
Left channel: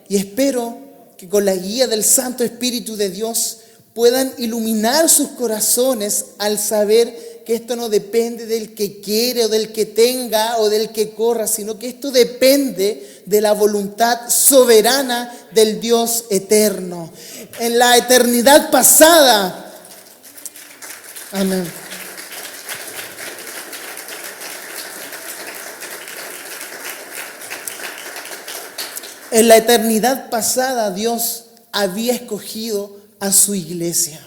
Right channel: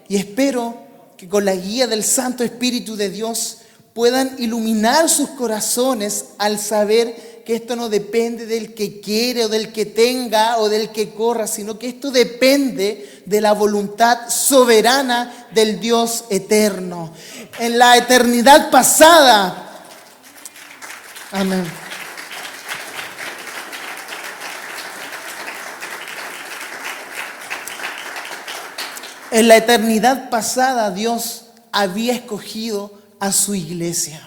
Y espero que con la guía del Santo Espíritu de Dios puedan iluminar sus corazones al saber que esto no depende del que quiere o del que tenga o del que corra, sino que esto depende de la voluntad soberana del Dios eterno. En la eternidad pasada, amén. En la eternidad pasada Dios había escogido a su iglesia.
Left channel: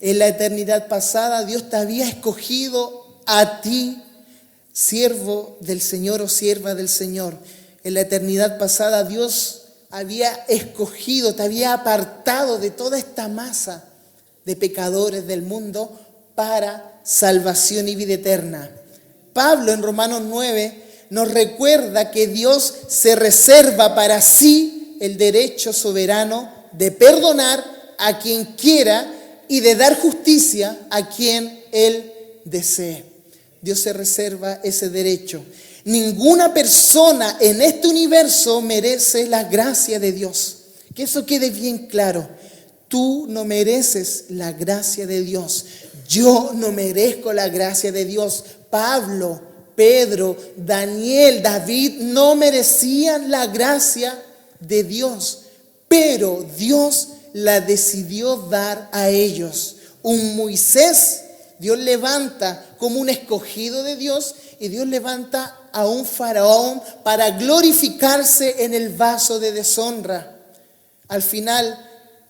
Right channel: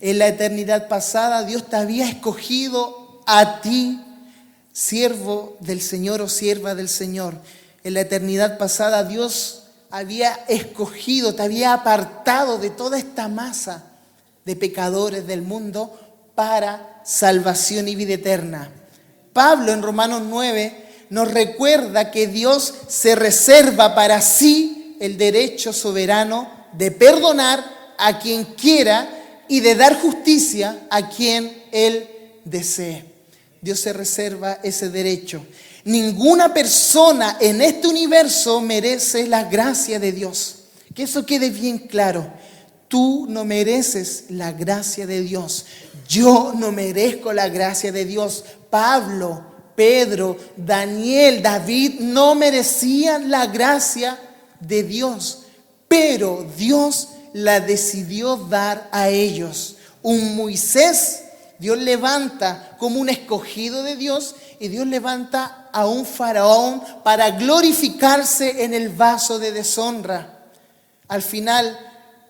En la eternidad pasada Dios te había escogido a ti, siervo del Señor o sierva del Señor. En la eternidad pasada Dios había escogido, te había apartado de toda esta masa de pecadores del mundo para salvación y vida eterna. Pablo en Romanos 9 nos recuerda que Dios se reserva para sí el derecho soberano de perdonar a quien quiera y de dar justicia a quien Él desee. Dios se reserva ese derecho. Ninguna persona en este universo merece la gracia de Dios. Que eso quede bien claro. Tú no mereces la gracia de Dios. Yo no merezco la gracia de Dios. Pablo, Pedro, Daniel, David no merecían la gracia de Dios, pero Dios la decidió dar a ellos. Un Moisés, Dios levanta como un escogido de Dios y Dios levanta a un faraón para glorificarse en el vaso de deshonra. Al final,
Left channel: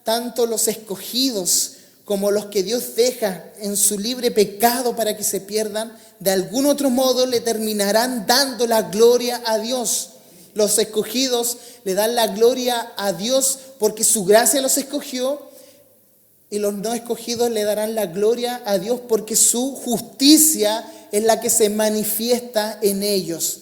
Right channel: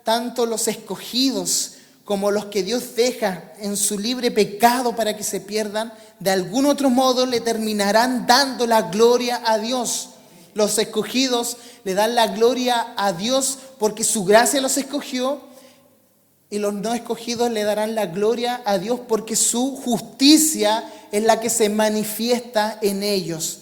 tanto los escogidos como los que Dios deja en su libre pecado para que se pierdan, de algún otro modo le terminarán dando la gloria a Dios. Los escogidos le dan la gloria a Dios porque su gracia los escogió y los no escogidos le darán la gloria a Dios porque su justicia es la que se manifiesta en ellos.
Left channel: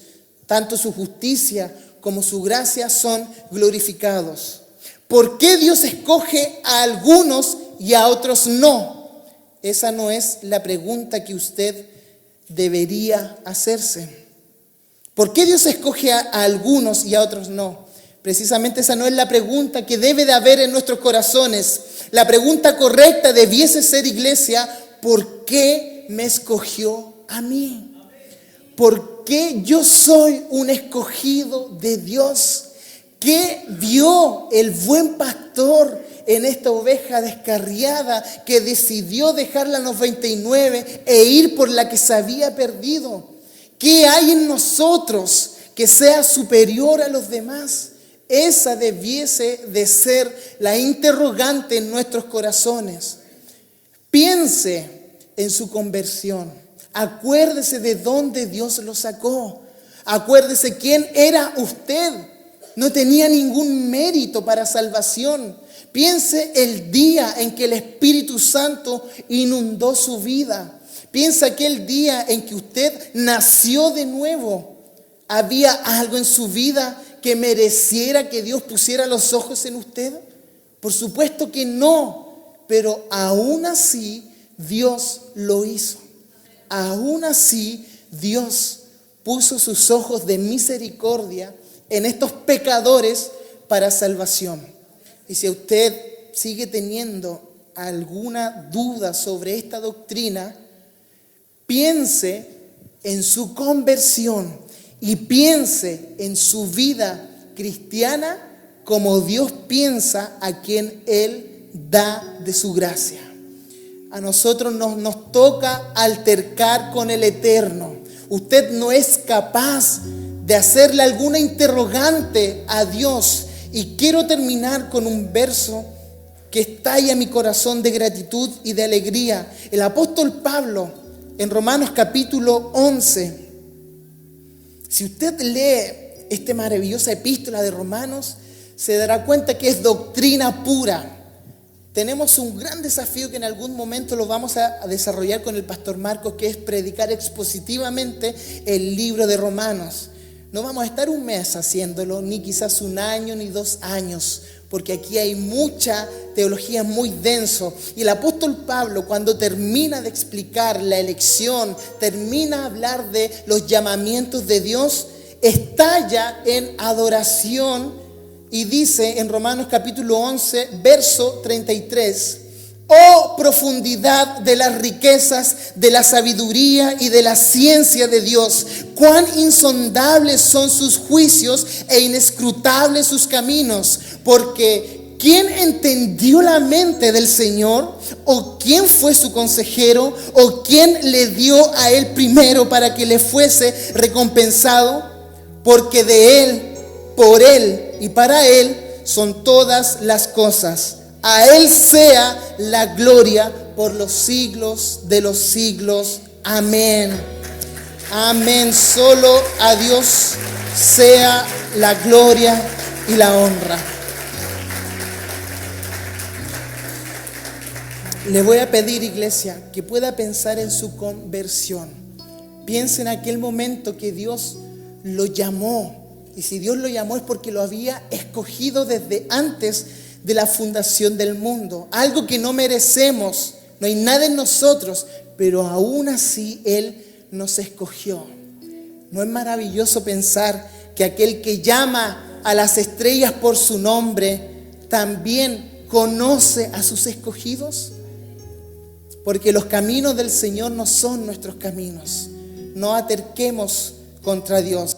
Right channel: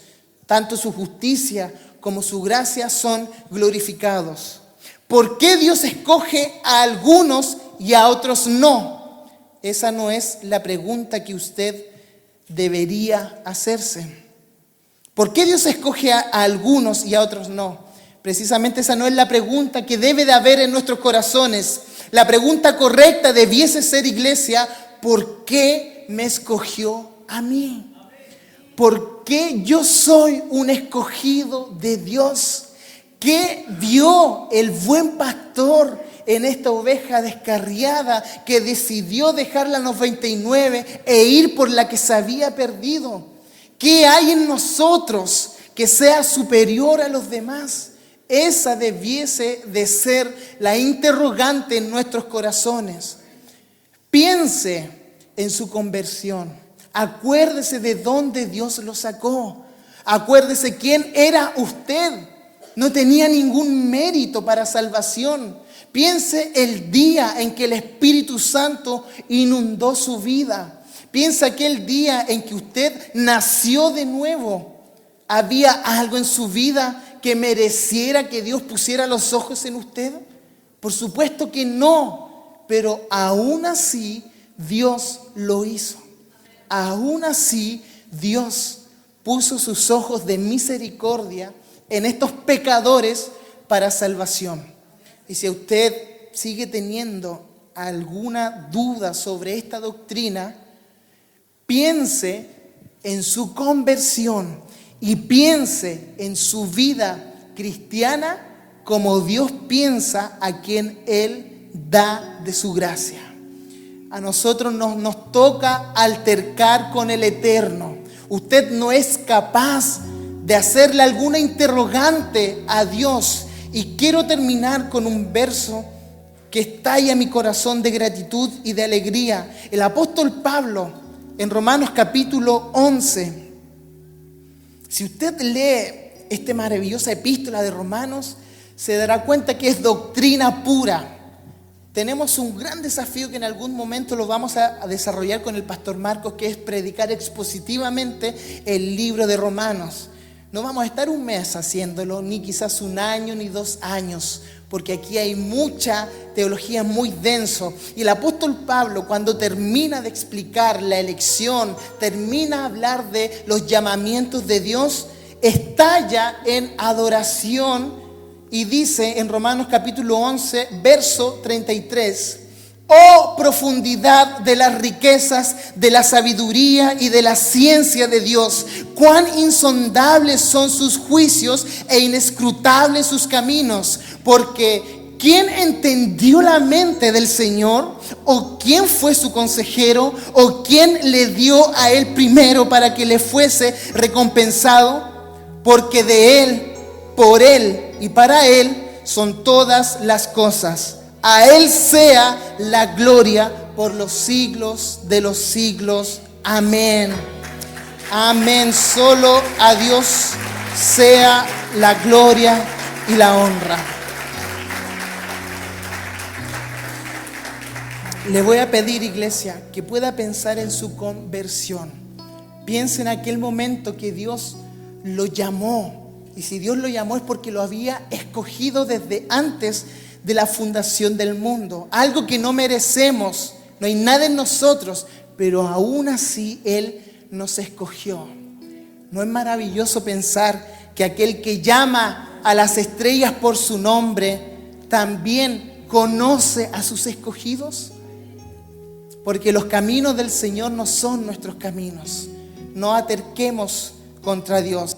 Tanto su justicia como su gracia son glorificados. ¿Por qué Dios escoge a algunos y a otros no? Esa no es la pregunta que usted debería hacerse. ¿Por qué Dios escoge a algunos y a otros no? Precisamente esa no es la pregunta que debe de haber en nuestros corazones. La pregunta correcta debiese ser, iglesia, ¿por qué me escogió a mí? ¿Por qué yo soy un escogido de Dios? ¿Qué vio el buen pastor en esta oveja descarriada que decidió dejarla a los 99 e ir por la que se había perdido? ¿Qué hay en nosotros que sea superior a los demás? Esa debiese de ser la interrogante en nuestros corazones. Piense en su conversión. Acuérdese de dónde Dios lo sacó. Acuérdese quién era usted. No tenía ningún mérito para salvación. Piense el día en que el Espíritu Santo inundó su vida. Piensa aquel día en que usted nació de nuevo. ¿Había algo en su vida que mereciera que Dios pusiera los ojos en usted? Por supuesto que no, pero aún así Dios lo hizo. Aún así Dios puso sus ojos de misericordia en estos pecadores para salvación. Y si usted sigue teniendo alguna duda sobre esta doctrina, piense en su conversión y piense en su vida cristiana como Dios piensa a quien Él da de su gracia. A nosotros nos toca altercar con el Eterno. Usted no es capaz de hacerle alguna interrogante a Dios. Y quiero terminar con un verso que estalla mi corazón de gratitud y de alegría. El apóstol Pablo, en Romanos capítulo 11, si usted lee esta maravillosa epístola de Romanos, se dará cuenta que es doctrina pura. Tenemos un gran desafío que en algún momento lo vamos a desarrollar con el pastor Marcos, que es predicar expositivamente el libro de Romanos. No vamos a estar un mes haciéndolo, ni quizás un año, ni 2 años, porque aquí hay mucha teología muy denso. Y el apóstol Pablo, cuando termina de explicar la elección, termina de hablar de los llamamientos de Dios, estalla en adoración y dice en Romanos capítulo 11, verso 33, «Oh profundidad de las riquezas, de la sabiduría y de la ciencia de Dios, cuán insondables son sus juicios e inescrutables sus caminos, porque ¿quién entendió la mente del Señor? ¿O quién fue su consejero? ¿O quién le dio a él primero para que le fuese recompensado? Porque de él, por él y para él son todas las cosas. A Él sea la gloria por los siglos de los siglos. Amén. Amén. Solo a Dios sea la gloria y la honra. Le voy a pedir, iglesia, que pueda pensar en su conversión. Piense en aquel momento que Dios lo llamó. Y si Dios lo llamó es porque lo había escogido desde antes de la fundación del mundo. Algo que no merecemos, no hay nada en nosotros, pero aún así Él nos escogió. ¿No es maravilloso pensar que aquel que llama a las estrellas por su nombre también conoce a sus escogidos? Porque los caminos del Señor no son nuestros caminos. No aterquemos contra Dios.